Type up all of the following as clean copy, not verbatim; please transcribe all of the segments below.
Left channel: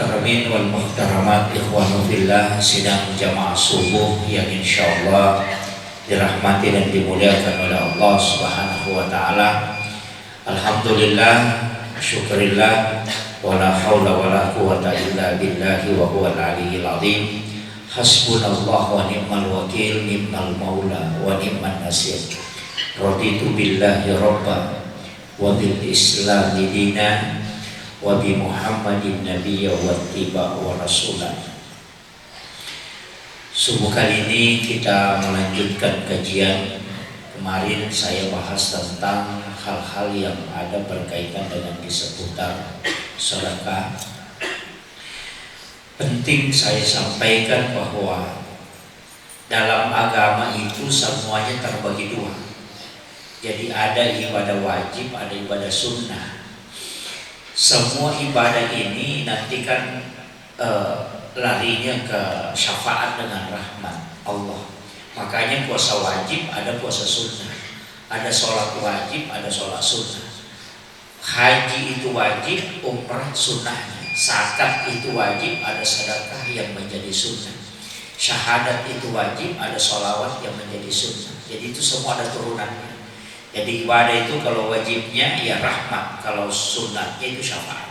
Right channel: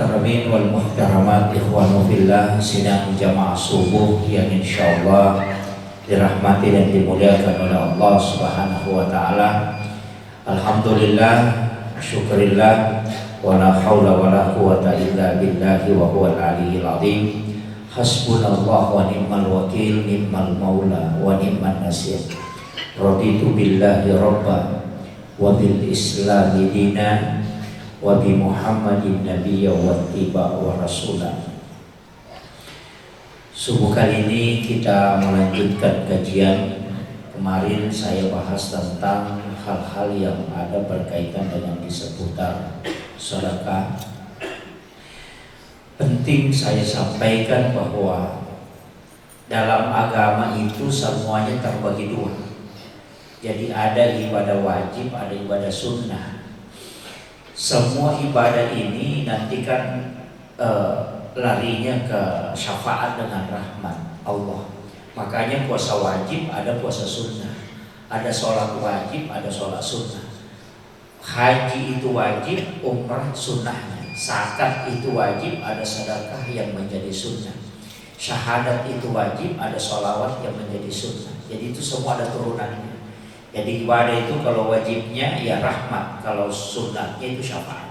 muhtaramin wal muhtaramat, ikhwanu fillah, sidang jamaah subuh yang insyaallah dirahmati dan dimuliakan oleh Allah Subhanahu wa taala. Alhamdulillah, syukurillah, wala haula wala quwata illa billahi wa huwal aliyyil azim. Hasbunallah wa ni'mal wakil, ni'mal maula wa ni'man nasir. Raditu billahi rabba wa bil islami dina wa bi Muhammadin nabiyya wa tiba wa rasulah. Subuh kali ini kita melanjutkan kajian. Kemarin saya bahas tentang hal-hal yang ada berkaitan dengan di seputar sedekah. Penting saya sampaikan bahwa dalam agama itu semuanya terbagi dua. Jadi ada ibadah wajib, ada ibadah sunnah. Semua ibadah ini nanti kan larinya ke syafaat dengan rahmat Allah. Makanya puasa wajib, ada puasa sunnah. Ada sholat wajib, ada sholat sunnah. Haji itu wajib, umrah sunnahnya. Zakat itu wajib, ada sedekah yang menjadi sunnah. Syahadat itu wajib, ada sholawat yang menjadi sunnah. Jadi itu semua ada turunannya. Jadi ibadah itu kalau wajibnya ya rahmat, kalau sunnahnya itu syafaat.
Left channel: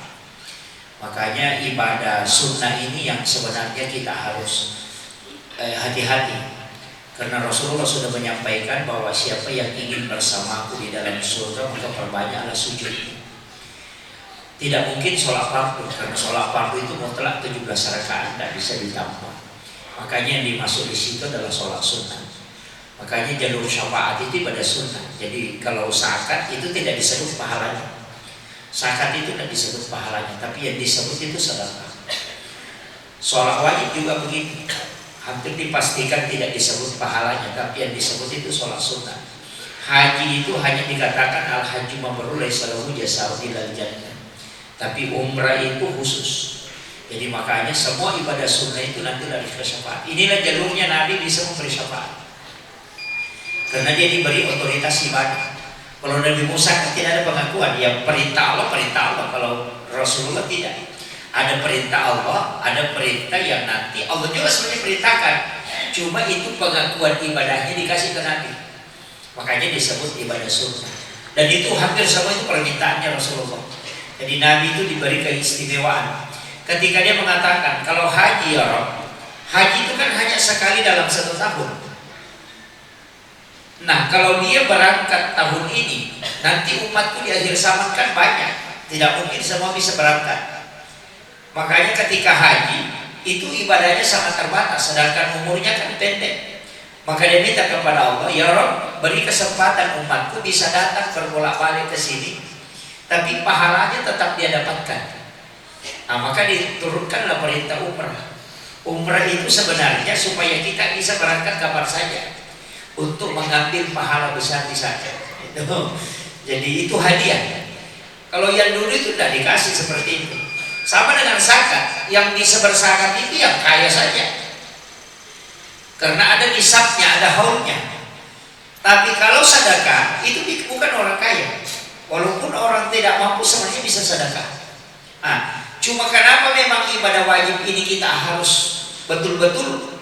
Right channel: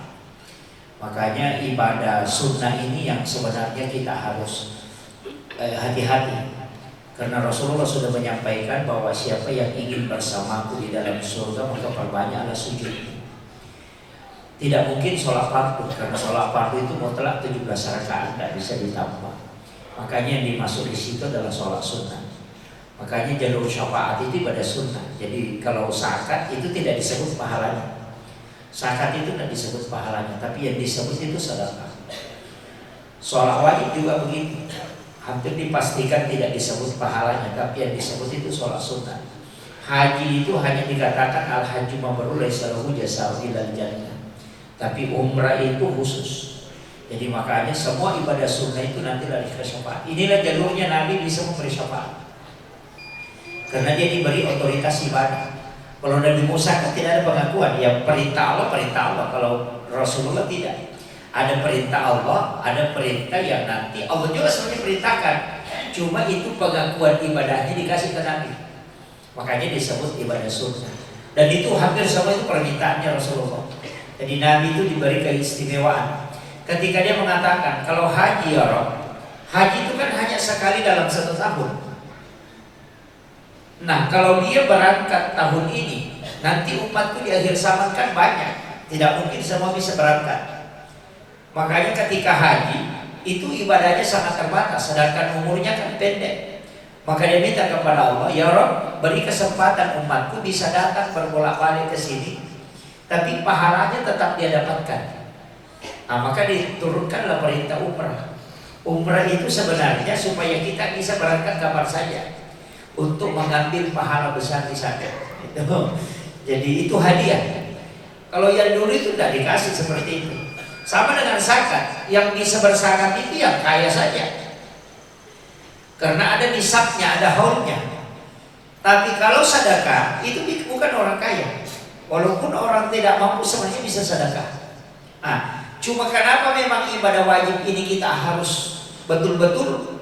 Makanya ibadah sunnah ini yang sebenarnya kita harus hati-hati. Karena Rasulullah sudah menyampaikan bahwa siapa yang ingin bersamaku di dalam surga maka perbanyaklah sujud. Tidak mungkin sholat fardu, karena sholat fardu itu mutlak 17 rakaat, tidak bisa ditambah. Makanya yang dimasuk di situ adalah sholat sunnah. Makanya jalur syafaat itu pada sunnah. Jadi kalau zakat itu tidak disebut pahalanya. Zakat itu tidak disebut pahalanya, tapi yang disebut itu sedekah. Sholat wajib juga begitu. Hampir dipastikan tidak disebut pahalanya, tapi yang disebut itu sholat sunnah. Haji itu hanya dikatakan al-hajju mabrur laisa lahu jazaa'un illal jannah. Tapi umrah itu khusus. Jadi makanya semua ibadah sunnah itu nanti lari ke syafaat. Inilah jalurnya Nabi bisa memberi syafaat. Karena dia diberi otoritas ibadah. Kalau Nabi Musa kan tidak ada pengakuan, ya perintah Allah. Kalau Rasulullah tidak. Ada perintah Allah, ada perintah yang nanti Allah juga sebenarnya perintahkan. Cuma itu pengakuan ibadahnya dikasih ke Nabi. Makanya disebut ibadah sunnah. Dan itu hampir semua itu permintaannya Rasulullah. Jadi Nabi itu diberi keistimewaan. Ketika dia mengatakan, kalau haji ya Rabb, haji itu kan hanya sekali dalam 1 tahun. Nah kalau dia berangkat tahun ini, nanti umatku di akhir zaman kan banyak, tidak mungkin semua bisa berangkat. Makanya ketika haji itu ibadahnya sangat terbatas, sedangkan umurnya kan pendek. Maka dia minta kepada Allah, ya Rabb, beri kesempatan umatku bisa datang berbolak-balik ke sini, tapi pahalanya tetap dia dapatkan. Nah maka diturunkanlah perintah umrah. Umrah itu sebenarnya supaya kita bisa berangkat kapan saja, untuk mengambil pahala besar di sana. Jadi itu hadiah. Kalau yang dulu itu tidak dikasih seperti itu. Sama dengan zakat, yang bisa berzakat itu yang kaya saja. Karena ada nisabnya, ada haulnya. Tapi kalau sedekah itu bukan orang kaya. Walaupun orang tidak mampu sebenarnya bisa sedekah. Nah, cuma kenapa memang ibadah wajib ini kita harus betul-betul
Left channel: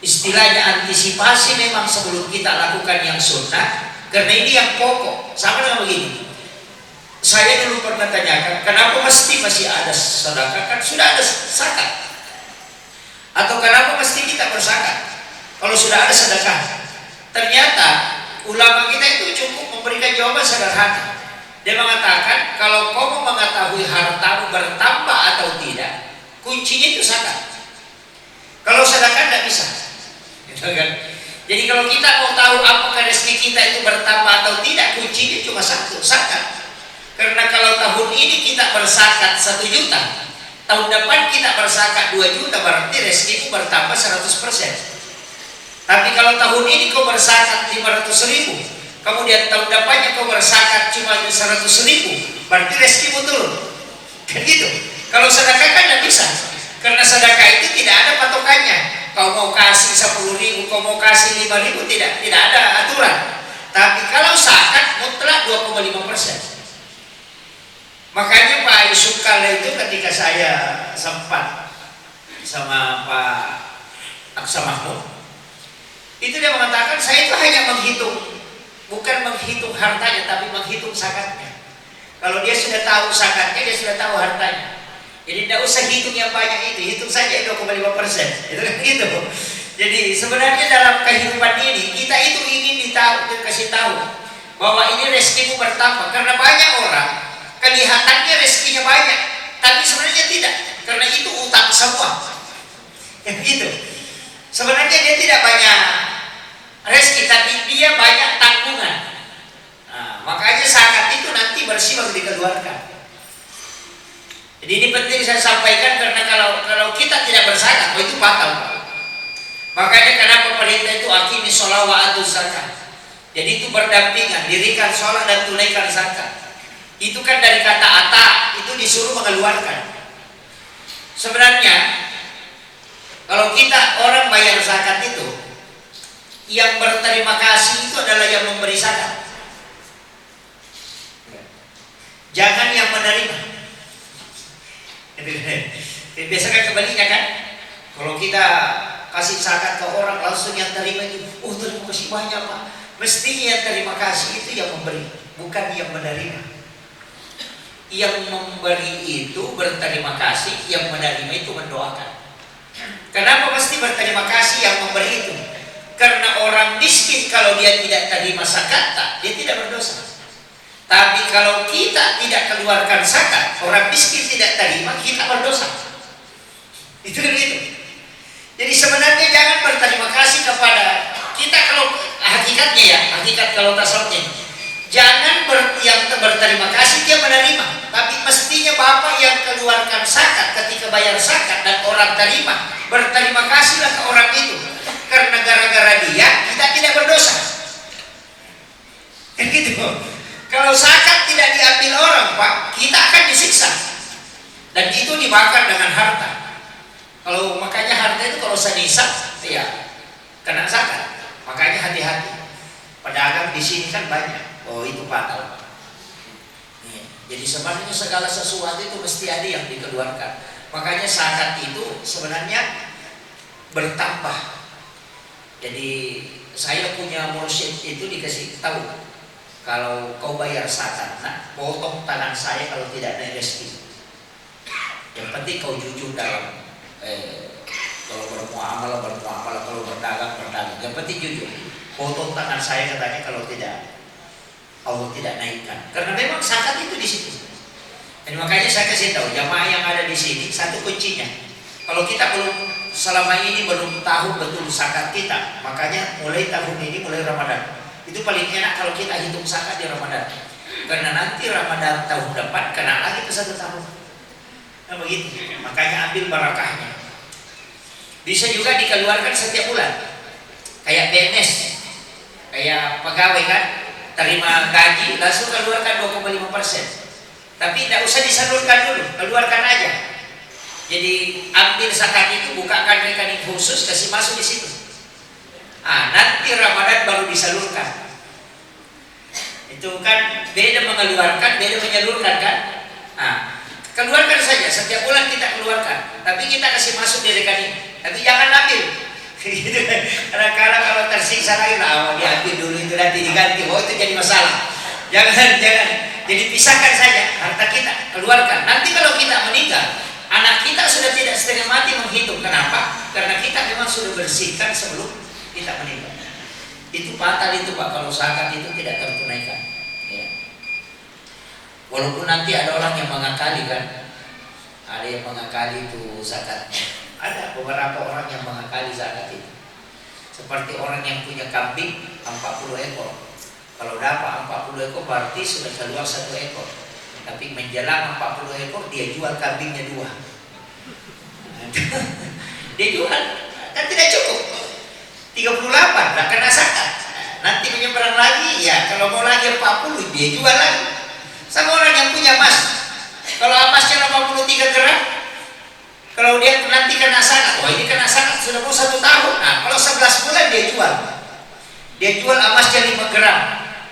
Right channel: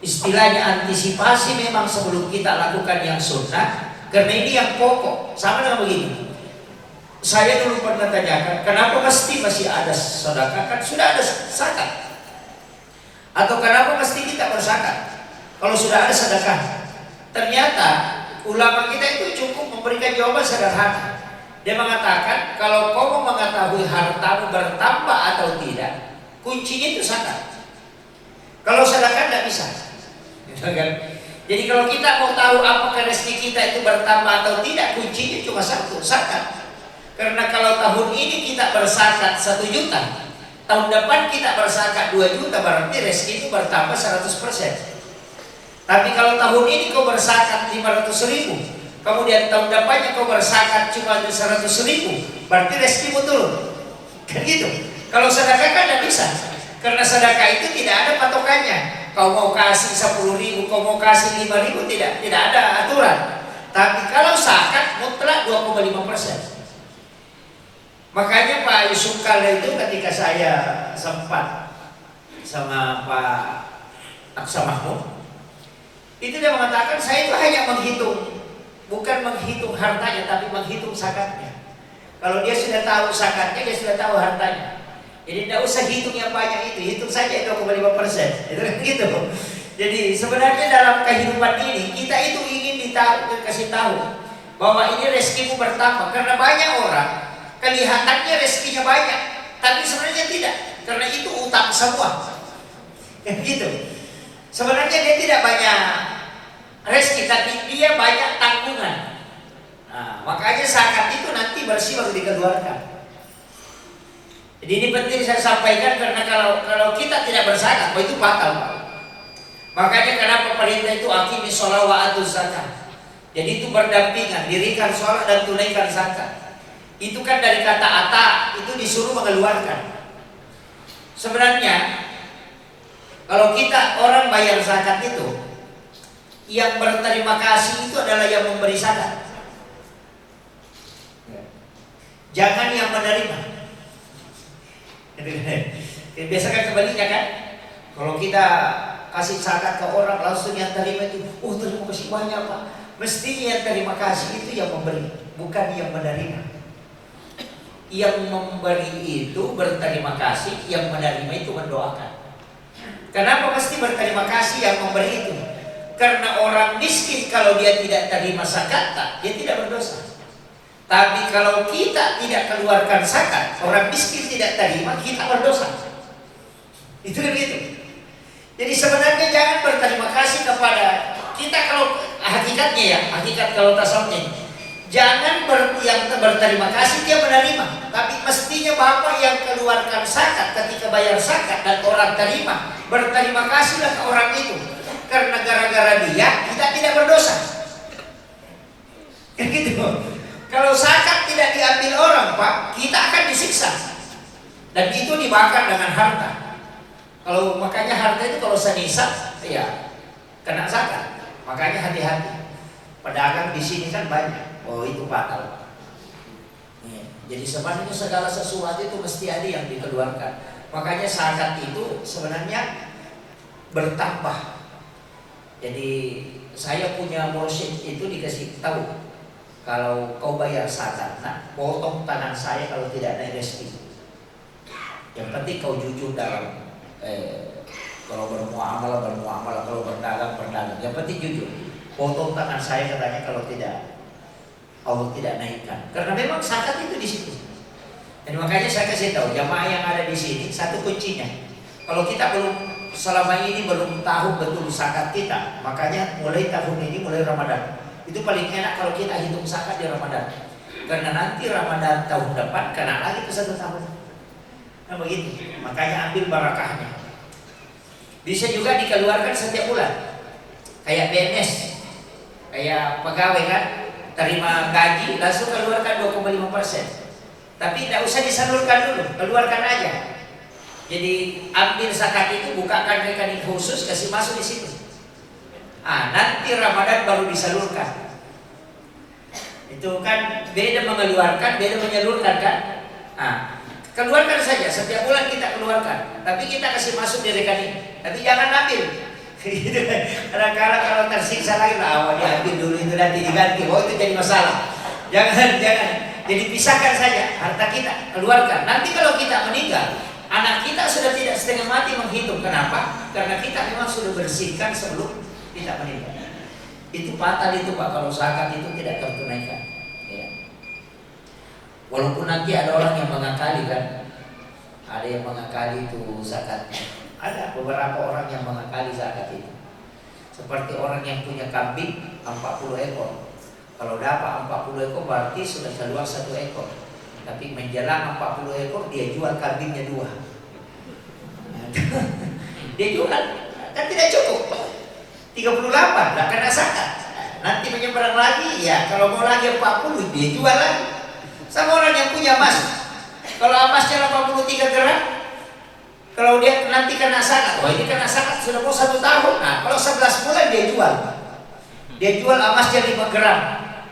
istilahnya antisipasi memang sebelum kita lakukan yang sunnah, karena ini yang pokok. Sama dengan begini, saya dulu pernah tanyakan, kenapa mesti masih ada sedekah, kan sudah ada zakat? Atau kenapa mesti kita berzakat kalau sudah ada sedekah? Ternyata ulama kita itu cukup memberikan jawaban sederhana. Dia mengatakan, kalau kamu mengetahui hartamu bertambah atau tidak, kuncinya itu zakat. Kalau sedekah tidak bisa. Jadi kalau kita mau tahu apakah rezeki kita itu bertambah atau tidak, kuncinya cuma satu, zakat. Karena kalau tahun ini kita berzakat 1 juta, tahun depan kita berzakat 2 juta, berarti rezeki itu bertambah 100%. Tapi kalau tahun ini kau berzakat 500.000, kemudian tahun depannya kau berzakat cuma 100.000, berarti rezekimu turun. Kan gitu. Kalau sedekah kan tidak bisa. Karena sedekah itu tidak ada patokannya. Kau mau kasih 10.000, kau mau kasih 5.000, tidak ada aturan. Tapi kalau zakat mutlak 2,5%. Makanya Pak Pak Yusuf Kala itu ketika saya sempat sama Pak Aksa Mahmud, itu dia mengatakan saya itu hanya menghitung, bukan menghitung hartanya, tapi menghitung zakatnya. Kalau dia sudah tahu zakatnya, dia sudah tahu hartanya. Jadi tidak usah hitung yang banyak itu, hitung saja 2,5%. Itu kan gitu. Jadi sebenarnya dalam kehidupan ini kita itu ingin dikasih tahu bahwa ini rezekimu bertambah, karena banyak orang kelihatannya rezekinya banyak, tapi sebenarnya tidak, karena itu utang semua. Gitu. Sebenarnya dia tidak banyak rezeki, tapi dia banyak tanggungan. Nah, makanya zakat itu nanti bersih baru dikeluarkan. Jadi ini penting saya sampaikan, karena kalau kita tidak berzakat, itu batal. Makanya kenapa perintah itu aqimi shalah wa atuz zakat. Jadi itu berdampingan, dirikan sholat dan tunaikan zakat. Itu kan dari kata ata, itu disuruh mengeluarkan. Sebenarnya kalau kita orang bayar zakat itu, yang berterima kasih itu adalah yang memberi zakat, jangan yang menerima. Biasa kan sebaliknya kan, kalau kita kasih zakat ke orang langsung yang terima itu, oh terima kasih banyak Pak. Mestinya yang terima kasih itu yang memberi, bukan yang menerima. Yang memberi itu berterima kasih, yang menerima itu mendoakan. Kenapa mesti berterima kasih yang memberi itu? Karena orang miskin kalau dia tidak terima zakat, dia tidak berdosa. Tapi kalau kita tidak keluarkan zakat, orang miskin tidak terima, kita berdosa. Itu kan gitu. Jadi sebenarnya jangan berterima kasih kepada kita, kalau hakikatnya ya, hakikat kalau tasawufnya, jangan yang berterima kasih dia menerima, tapi mestinya Bapak yang keluarkan zakat ketika bayar zakat dan orang terima, berterima kasihlah ke orang itu, karena gara-gara dia kita tidak berdosa. Kan gitu. Kalau zakat tidak diambil orang Pak, kita akan disiksa, dan itu dibakar dengan harta. Kalau makanya harta itu kalau senisab, ya kena zakat. Makanya hati-hati. Pedagang di sini kan banyak. Oh itu batal. Jadi sebenarnya segala sesuatu itu mesti ada yang dikeluarkan. Makanya zakat itu sebenarnya bertambah. Jadi saya punya mursyid itu dikasih tahu, kalau kau bayar zakat, nah potong tangan saya kalau tidak ada rezeki. Yang penting kau jujur dalam kalau bermuamalah, kalau berdagang. Yang penting jujur. Potong tangan saya katanya kalau tidak, Allah tidak naikkan. Karena memang zakat itu di situ. Dan makanya saya kasih tahu jamaah yang ada di sini, satu kuncinya. Kalau kita selama ini belum tahu betul zakat kita, makanya mulai tahun ini, mulai Ramadan, itu paling enak kalau kita hitung zakat di Ramadan. Karena nanti Ramadan tahun depan kena lagi ke 1 tahun. Nah begitu. Makanya ambil barakahnya. Bisa juga dikeluarkan setiap bulan. Kayak PNS, kayak pegawai kan, terima gaji langsung keluarkan 2,5%. Tapi tidak usah disalurkan dulu, keluarkan aja. Jadi ambil zakat itu, bukakan rekening khusus, kasih masuk di situ. Nanti Ramadan baru disalurkan. Itu kan beda mengeluarkan, beda menyalurkan kan. Keluarkan saja, setiap bulan kita keluarkan, tapi kita kasih masuk di rekening. Tapi jangan ambil. Kadang-kadang kalau tersiksa lagi, diambil dulu itu nanti diganti. Oh itu jadi masalah. Jangan. Jadi pisahkan saja harta kita, keluarkan. Nanti kalau kita meninggal, anak kita sudah tidak setengah mati menghitung. Kenapa? Karena kita memang sudah bersihkan sebelum kita meninggal. Itu fatal itu Pak, kalau zakat itu tidak tertunaikan. Ya. Walaupun nanti ada orang yang mengakali kan, ada yang mengakali itu zakatnya. Ada beberapa orang yang mengakali zakat itu. Seperti orang yang punya kambing 40 ekor. Kalau dapat 40 ekor berarti sudah keluar 1 ekor. Tapi menjelang 40 ekor dia jual kambingnya 2. Dia jual, kan tidak cukup. 38 tak kena zakat. Nanti menyeberang lagi, ya kalau mau lagi 40 dia jual lagi. Sama orang yang punya emas. Kalau emasnya 83 gram, kalau dia nanti kena zakat, ini kena zakat sudah mau 1 tahun. Kalau 11 bulan dia jual. Dia jual emasnya 5 gram.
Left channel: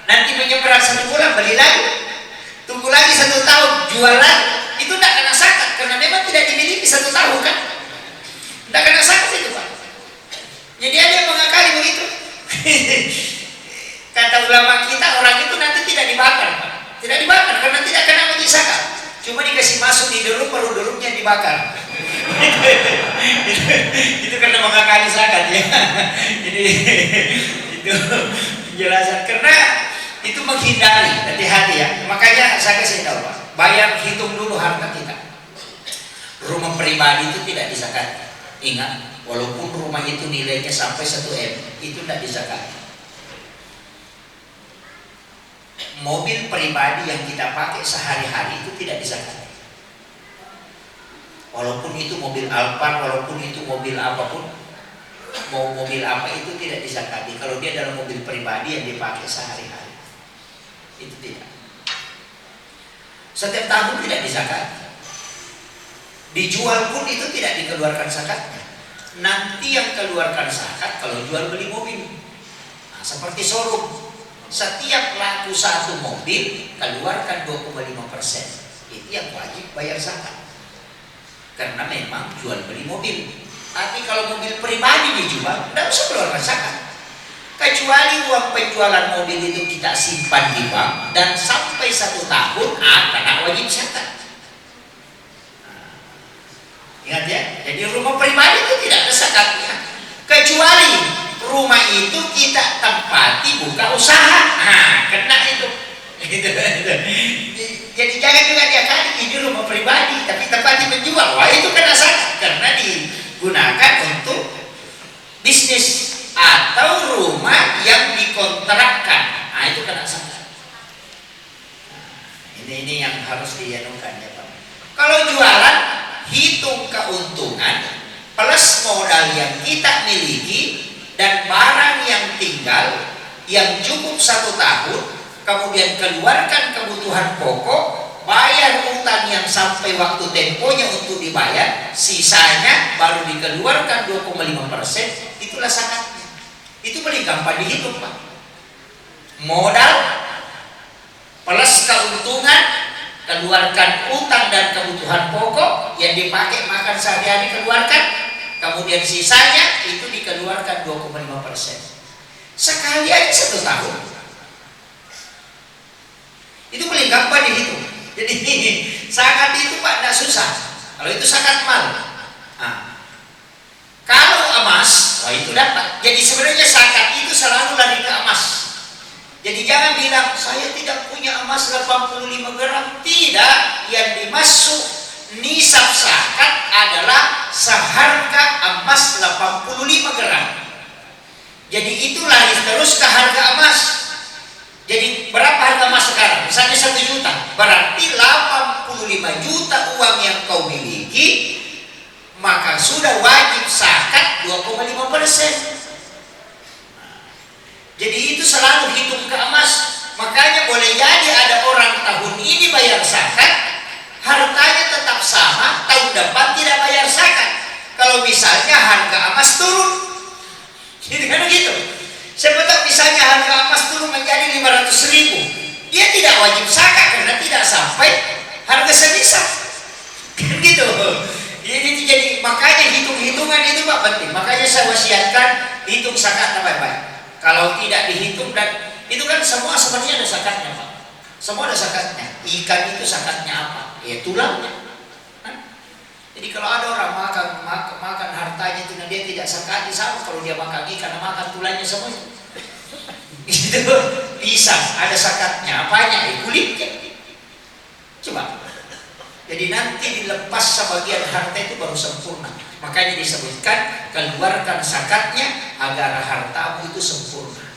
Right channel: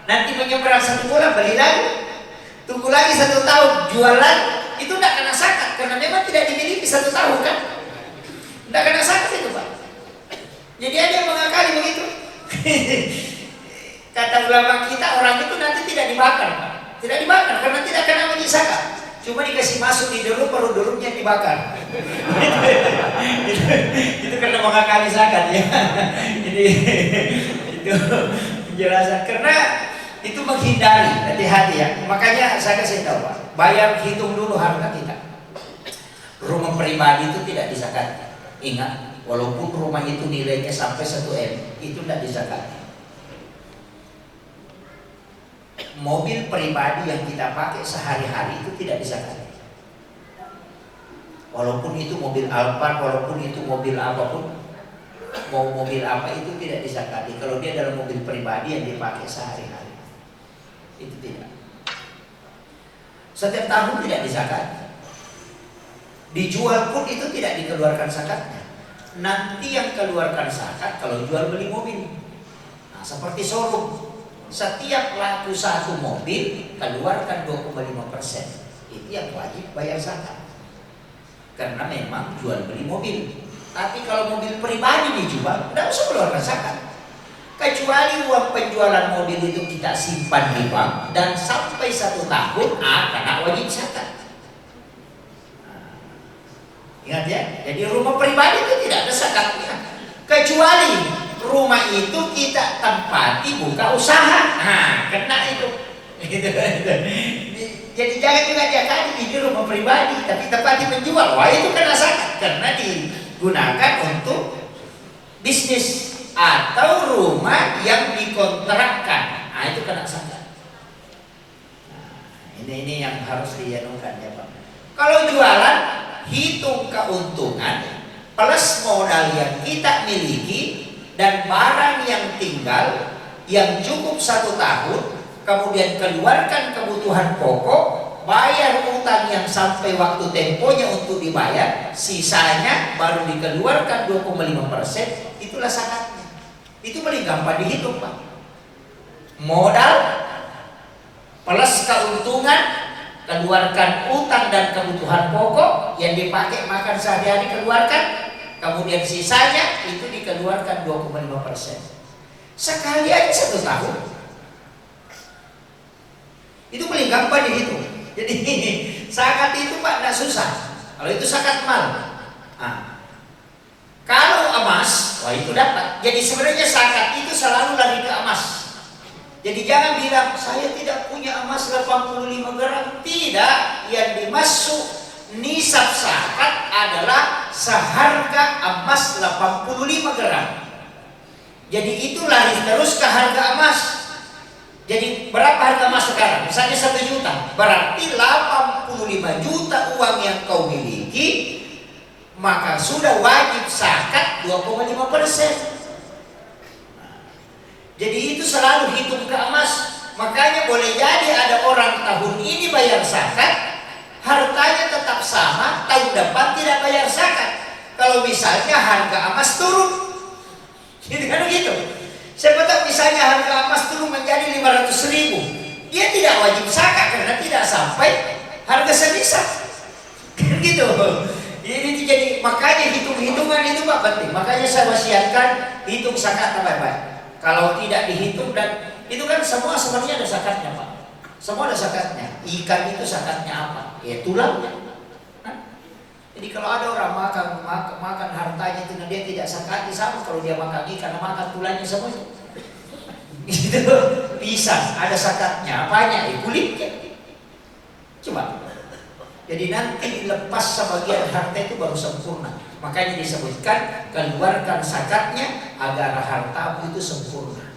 Nanti menyeberang 1 bulan beli lagi. Tunggu lagi 1 tahun, jual lagi. Itu karena memang tidak dimiliki 1 tahun kan. Tidak kena zakat itu Pak. Jadi ada yang mengakali begitu. Kata ulama kita, orang itu nanti tidak dibakar Pak. Tidak dibakar karena tidak kena wajib zakat. Cuma dikasih masuk di derup, baru derupnya dibakar. itu karena mengakali zakat ya. Jadi itu penjelasan. Karena itu menghindari, hati-hati ya. Makanya saya kasih tahu Pak, bayar hitung dulu harta kita. Rumah pribadi itu tidak dizakati. Ingat, walaupun rumah itu nilainya sampai 1 M, itu tidak dizakati. Mobil pribadi yang kita pakai sehari-hari itu tidak dizakati. Walaupun itu mobil Alphard, walaupun itu mobil apapun, mau mobil apa itu tidak dizakati. Kalau dia dalam mobil pribadi yang dipakai sehari-hari, itu tidak. Setiap tahun tidak dizakati. Dijual pun itu tidak dikeluarkan zakatnya. Nanti yang keluarkan zakat kalau jual beli mobil. Nah, seperti showroom. Setiap laku 1 mobil keluarkan 2,5%. Itu yang wajib bayar zakat. Karena memang jual beli mobil. Tapi kalau mobil pribadi dijual, tidak usah keluarkan zakat. Kecuali uang penjualan mobil itu kita simpan di bank dan sampai 1 tahun kena wajib zakat. Ingat ya, jadi rumah pribadi itu tidak ada zakatnya. Kecuali rumah itu kita tempati buka usaha, kena itu. Jadi jangan juga dia kali ini rumah pribadi, tapi tempati menjual, wah itu kena zakat karena digunakan untuk bisnis atau rumah yang dikontrakkan, itu kena zakat. Ini yang harus dianukan ya Pak. Kalau jualan hitung keuntungan plus modal yang kita miliki dan barang yang tinggal yang cukup 1 tahun, kemudian keluarkan kebutuhan pokok, bayar utang yang sampai waktu temponya untuk dibayar, sisanya baru dikeluarkan 2,5%, itulah zakatnya. Itu paling gampang dihitung Pak. Modal plus keuntungan, keluarkan utang dan kebutuhan pokok yang dipakai makan sehari-hari, keluarkan, kemudian sisanya itu dikeluarkan 2,5%. Sekali aja 1 tahun. Itu paling gampang dihitung. Jadi zakat itu Pak tidak susah. Kalau itu zakat mal. Kalau emas, wah itu dapat. Jadi sebenarnya zakat itu selalu lari ke emas. Jadi jangan bilang saya tidak punya emas 85 gram. Tidak, yang dimasuk nisab zakat adalah seharga emas 85 gram. Jadi itu lari terus ke harga emas. Jadi berapa harga emas sekarang? Misalnya 1 juta, berarti 85 juta uang yang kau miliki, maka sudah wajib zakat 2,5%. Jadi itu selalu hitung ke emas. Makanya boleh jadi ada orang tahun ini bayar zakat, hartanya tetap sama, tahun depan tidak bayar zakat. Kalau misalnya harga emas turun, jadi kan begitu. Siapa tahu misalnya harga emas turun menjadi 500.000, dia tidak wajib zakat karena tidak sampai harga senisab. Gitu. Jadi makanya hitung-hitungan itu Pak penting. Makanya saya wasiatkan hitung zakat baik-baik. Kalau tidak dihitung, dan itu kan semua sebenarnya ada zakatnya Pak. Semua ada zakatnya. Ikan itu zakatnya apa? Ya tulangnya. Jadi kalau ada orang makan hartanya itu dia tidak zakati, sama kalau dia makan ikan, makan tulangnya semuanya. Itu bisa ada zakatnya. Apanya? Kulitnya. Coba. Jadi nanti dilepas sebagian harta itu baru sempurna. Makanya disebutkan keluarkan zakatnya agar hartamu itu sempurna.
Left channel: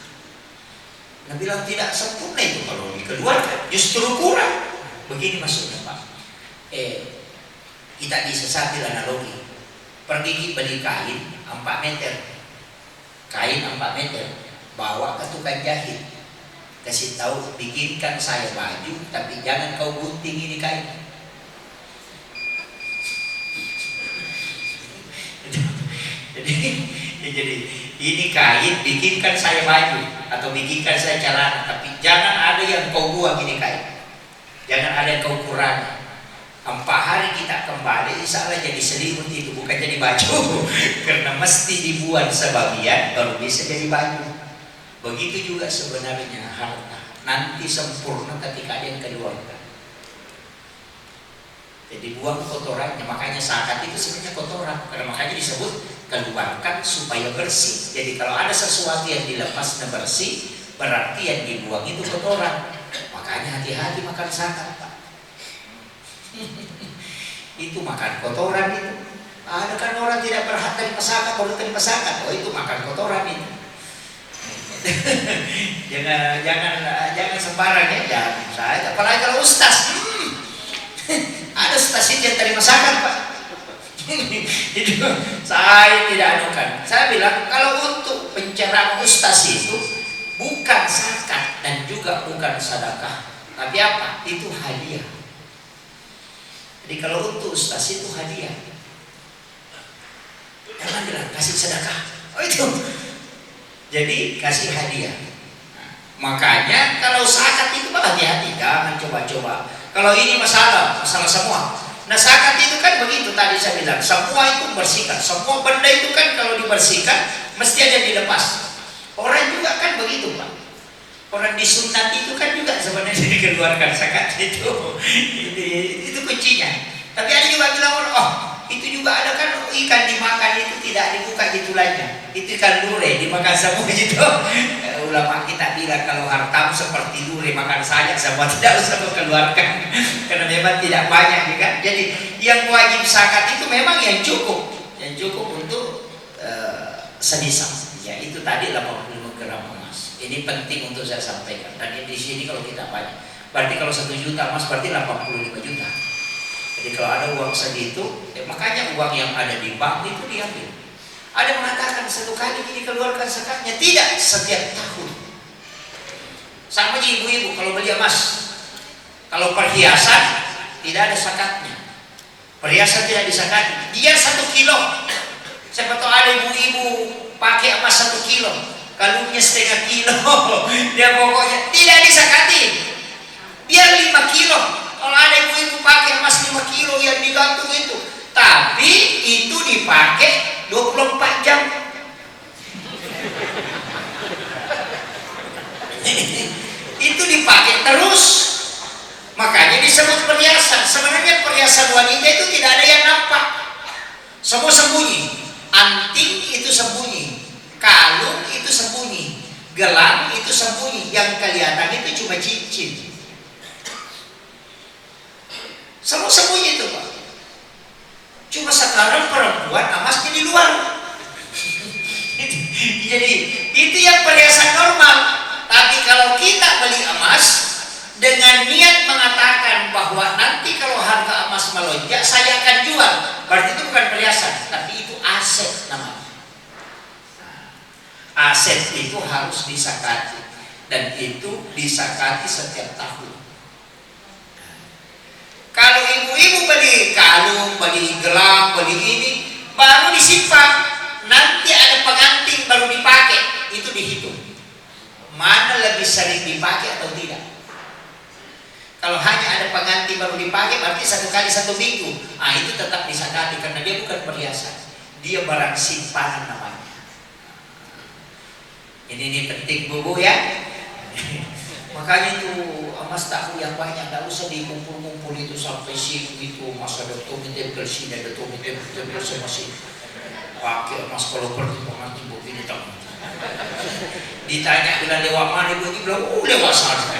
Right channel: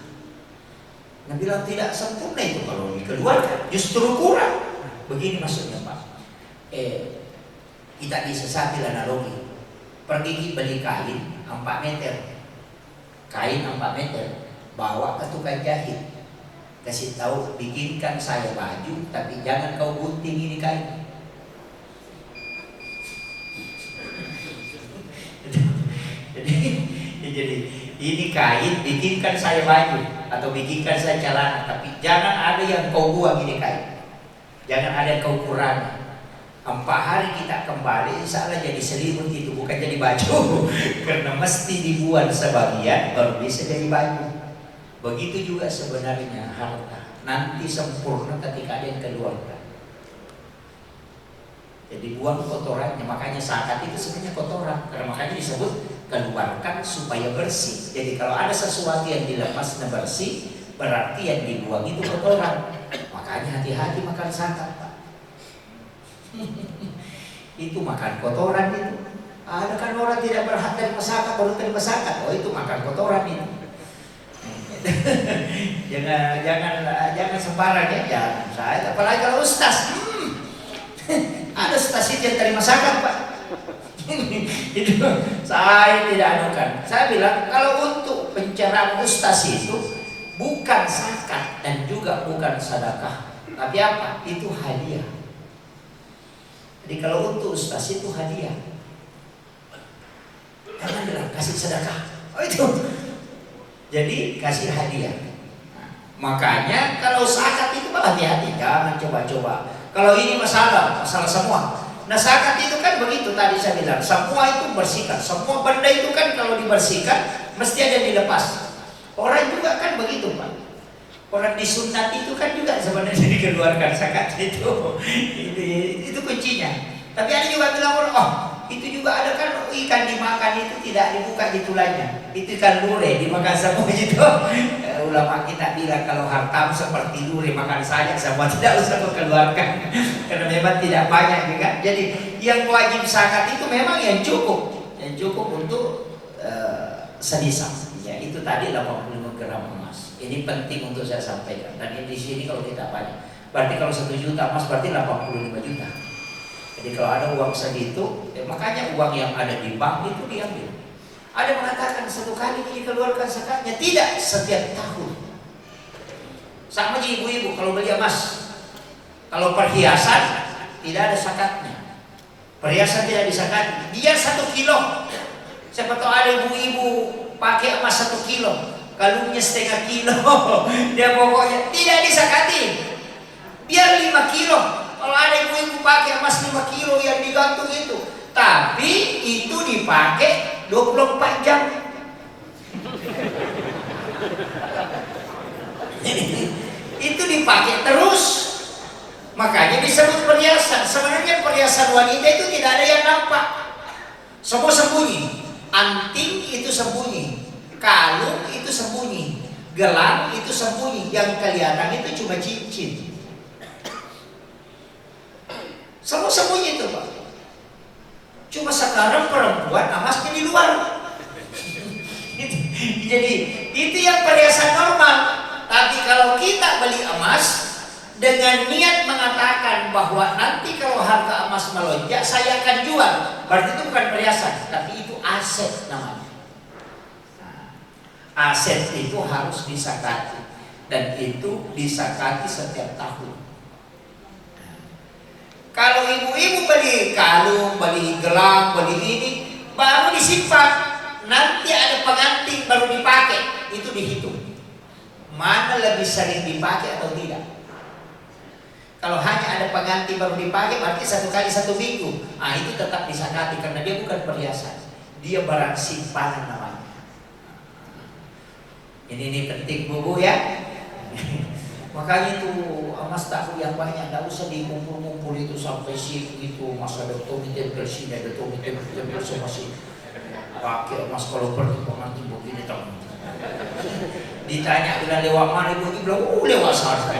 Nah bilang tidak sempurna itu kalau dikeluarkan justru kurang. Begini maksudnya Pak. Kita disesati analogi. Pergi beli kain 4 meter. Kain 4 meter. Bawa ke tukang jahit. Kasih tahu bikinkan saya baju, tapi jangan kau gunting ini kain. Jadi ini kain, bikinkan saya baju atau bikinkan saya celana, tapi jangan ada yang kau buang ini kain, jangan ada yang kau kurangi. 4 hari kita kembali, insya Allah jadi selimut itu, bukan jadi baju. Karena mesti dibuat sebagian baru bisa jadi baju. Begitu juga sebenarnya harta, nanti sempurna ketika ada yang keluarkan. Jadi buang kotorannya, makanya zakat itu sebenarnya kotoran, karena makanya disebut keluarkan supaya bersih. Jadi kalau ada sesuatu yang dilepasnya bersih, berarti yang dibuang itu kotoran. Makanya hati-hati makan zakat, Pak. Itu makan kotoran itu. Ada kan orang tidak berhak terima zakat, baru terima zakat. Oh itu makan kotoran itu. jangan sembarang ya, jangan. Saya apalagi kalau ustaz. Ada ustaz yang terima zakat, Pak. Itu saya tidak anukan. Saya bilang kalau untuk pencerahan ustaz itu bukan zakat dan juga bukan sedekah, tapi apa? Itu hadiah. Jadi kalau untuk ustaz itu hadiah. Jangan bilang kasih sedekah. Oh itu. Jadi kasih hadiah. Makanya kalau zakat itu hati-hati, jangan coba-coba. Kalau ini masalah semua. Nah zakat itu kan begitu tadi saya bilang, semua itu bersihkan. Semua benda itu kan kalau dibersihkan mesti ada yang dilepas. Orang juga kan begitu, Pak. Orang disunat itu kan juga sebenarnya dikeluarkan zakat itu. Itu kuncinya. Tapi ada juga bilang, oh itu juga ada kan ikan dimakan itu tidak dibuka di tulangnya. Itu ikan lure dimakan semua gitu. Ulama kita bilang kalau hartam seperti lure makan saja semua, tidak usah keluarkan. Karena memang tidak banyak juga. Jadi yang wajib zakat itu memang yang cukup untuk sedisam. Ya itu tadi 85 gram emas. Ini penting untuk saya sampaikan. Dan di sini kalau kita banyak, berarti kalau 1 juta emas berarti 85 juta. Jadi kalau ada uang segitu, makanya uang yang ada di bank itu diambil. Ada mengatakan 1 kali dikeluarkan zakatnya, tidak, setiap tahun. Sama aja ibu-ibu kalau beli emas, kalau perhiasan tidak ada zakatnya. Perhiasan tidak disakati. Dia 1 kilo. Siapa tahu ada ibu-ibu pakai emas 1 kilo, kalungnya setengah kilo. Dia pokoknya tidak disakati. Biar 5 kilo. Kalau ada ibu-ibu pakai emas 5 kilo yang digantung itu, tapi itu dipakai 24 jam. Itu dipakai terus. Makanya disebut perhiasan. Sebenarnya perhiasan wanita itu tidak ada yang nampak. Semua sembunyi. Anting itu sembunyi, kalung itu sembunyi, gelang itu sembunyi. Yang kelihatan itu cuma cincin. Semua sembunyi itu, Pak. Cuma sekarang perempuan emasnya di luar. Jadi itu yang perhiasan normal. Tapi kalau kita beli emas dengan niat mengatakan bahwa nanti kalau harga emas melonjak saya akan jual, berarti itu bukan perhiasan, tapi itu aset namanya. Aset itu harus disakati, dan itu disakati setiap tahun. Kalau ibu-ibu beli kalung, beli gelang, beli ini, baru disimpan. Nanti ada pengantin baru dipakai, itu dihitung. Mana lebih sering dipakai atau tidak? Kalau hanya ada pengantin baru dipakai, berarti 1 kali 1 minggu. Ah itu tetap disakati karena dia bukan perhiasan, dia barang simpanan namanya. Ini penting bubu ya. Makanya itu emas tahu yang banyak, tidak usah dikumpul-kumpul itu sampai sih gitu. Masa ada tempel sini, ada tempel masih pakai emas kalau pergi pengantin begini tak. Ditanya bilang lewat mana ibu, bilang lewat sana.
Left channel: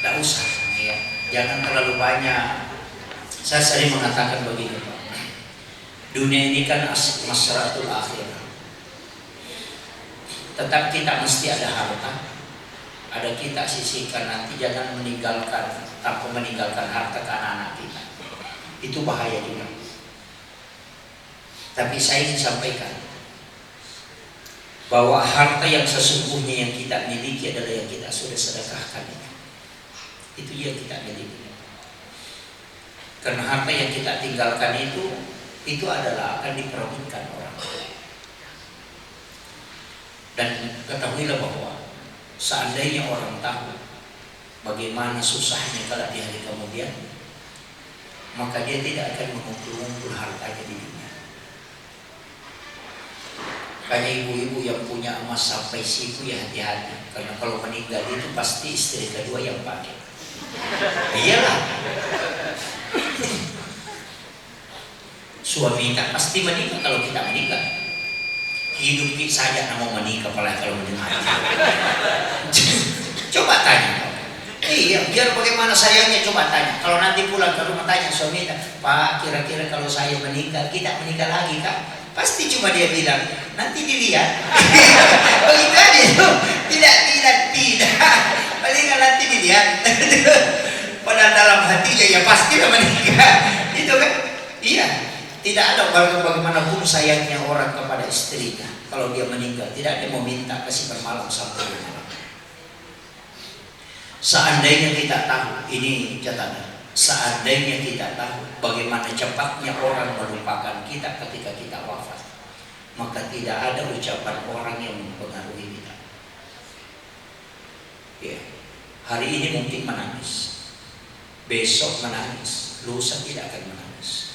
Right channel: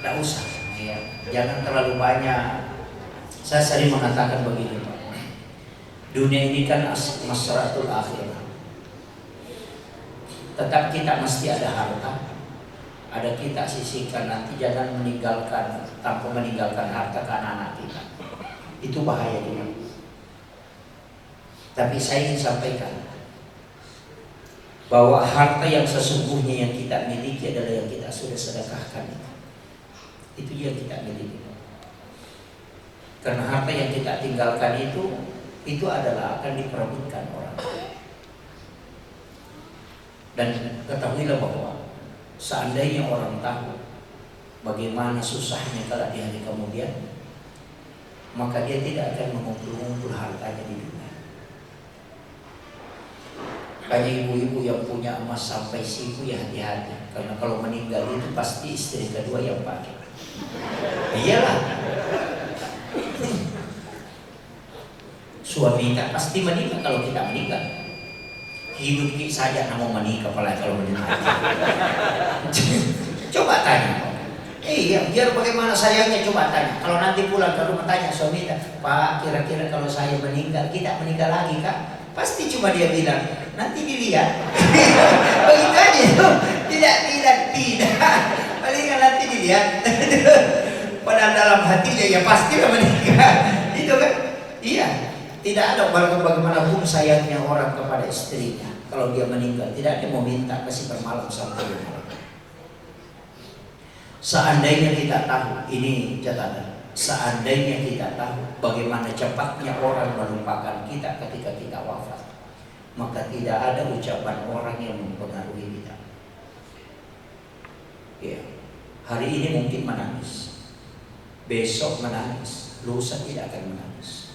Tidak usah ya. Jangan terlalu banyak. Saya sering mengatakan begini, Pak. Dunia ini kan masyaratul akhirah. Tetap kita mesti ada harta, ada kita sisihkan. Nanti jangan meninggalkan tanpa meninggalkan harta ke anak-anak kita. Itu bahaya juga. Tapi saya ingin sampaikan bahwa harta yang sesungguhnya yang kita miliki adalah yang kita sudah sedekahkan. Itu yang kita miliki. Karena harta yang kita tinggalkan itu adalah akan diperebutkan orang. Dan ketahuilah bahwa seandainya orang tahu bagaimana susahnya kalau di hari kemudian, maka dia tidak akan mengumpul-ngumpul hartanya di dunia. Banyak ibu-ibu yang punya emas sampai siku ya hati-hati, karena kalau meninggal itu pasti istri kedua yang pakai. Iyalah. Suami kita pasti menikah kalau kita meninggal. Hidup kita saja mau menikah, apalagi kalau meninggal. Coba tanya. Iya, biar bagaimana sayangnya, coba tanya. Kalau nanti pulang ke rumah tanya suami, Pak, kira-kira kalau saya meninggal, kita menikah lagi Kak? Pasti cuma dia bilang, nanti dilihat. Begitu aja. Tidak. Paling nanti dilihat. Padahal dalam hatinya ya pasti menikah. Itu kan? Iya. Tidak ada bagaimanapun sayangnya orang kepada istrinya. Kalau dia meninggal, tidak ada mau minta kasih bermalam sampai malam. Seandainya kita tahu, ini catatan, seandainya kita tahu bagaimana cepatnya orang melupakan kita ketika kita wafat, maka tidak ada ucapan orang yang mempengaruhi kita. Ya, hari ini mungkin menangis, besok menangis, lusa tidak akan menangis.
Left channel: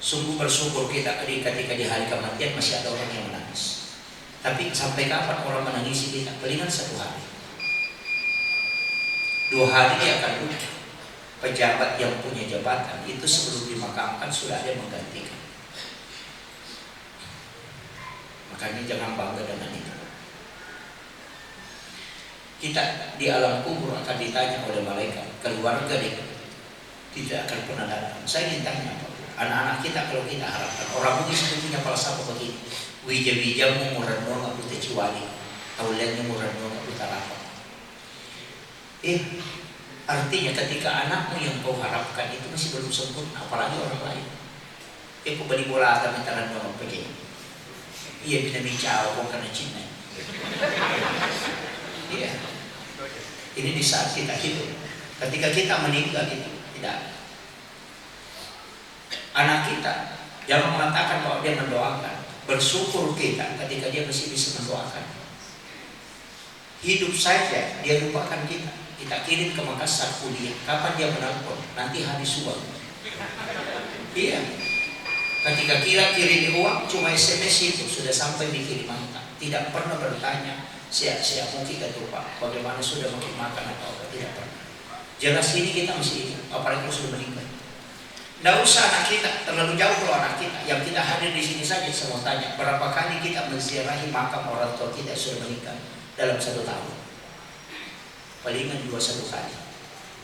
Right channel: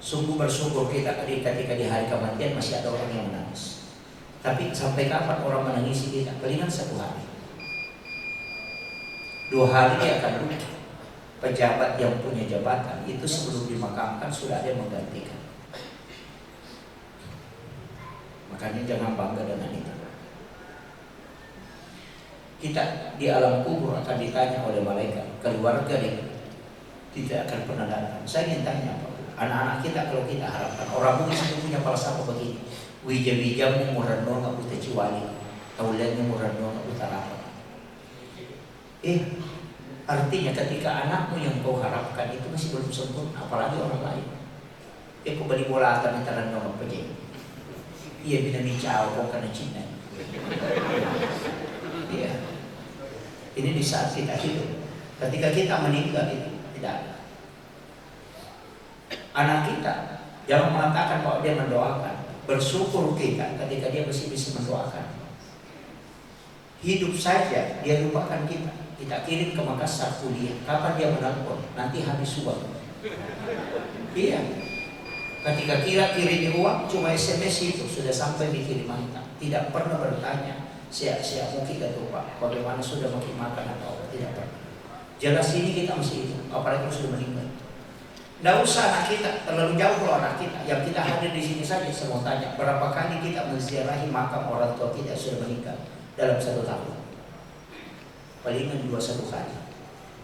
Sungguh bersyukur kita ketika di hari kematian masih ada orang yang menangis. Tapi sampai kapan orang menangisi kita? Palingan 1 hari, 2 hari dia akan lupa. Pejabat yang punya jabatan itu sebelum dimakamkan sudah ada yang menggantikan. Makanya jangan bangga dengan itu. Kita di alam kubur akan ditanya oleh malaikat, keluarga dia tidak akan pernah datang. Saya ingin tanya apa? Anak-anak kita kalau kita harapkan, orang Bugis itu punya falsafah begini, wija-wijamu murano nggak putih ciwani, taulannya murano nggak putih rapat. Artinya ketika anakmu yang kau harapkan itu masih belum sempurna, apalagi orang lain. Kau beli bola atau mintaran orang pergi. Iya bina micau kau karena Cina. Iya. Ini di saat kita hidup. Ketika kita meninggal itu tidak ada. Anak kita jangan mengatakan bahwa dia mendoakan. Bersyukur kita ketika dia masih bisa mendoakan. Hidup saja dia lupakan kita. Kita kirim ke Makassar kuliah. Kapan dia menelpon? Nanti habis uang. Iya. Ketika kirim uang cuma SMS itu sudah sampai di kiriman. Tidak pernah bertanya siap mungkin kata Pak bagaimana sudah mungkin makan atau tidak pernah. Jelas ini kita masih hidup. Apalagi sudah meninggal. Tidak usah anak kita, terlalu jauh kalau anak kita. Yang kita hadir di sini saja saya mau tanya, berapa kali kita menziarahi makam orang tua kita yang sudah meninggal dalam 1 tahun? Palingan 2-1 kali.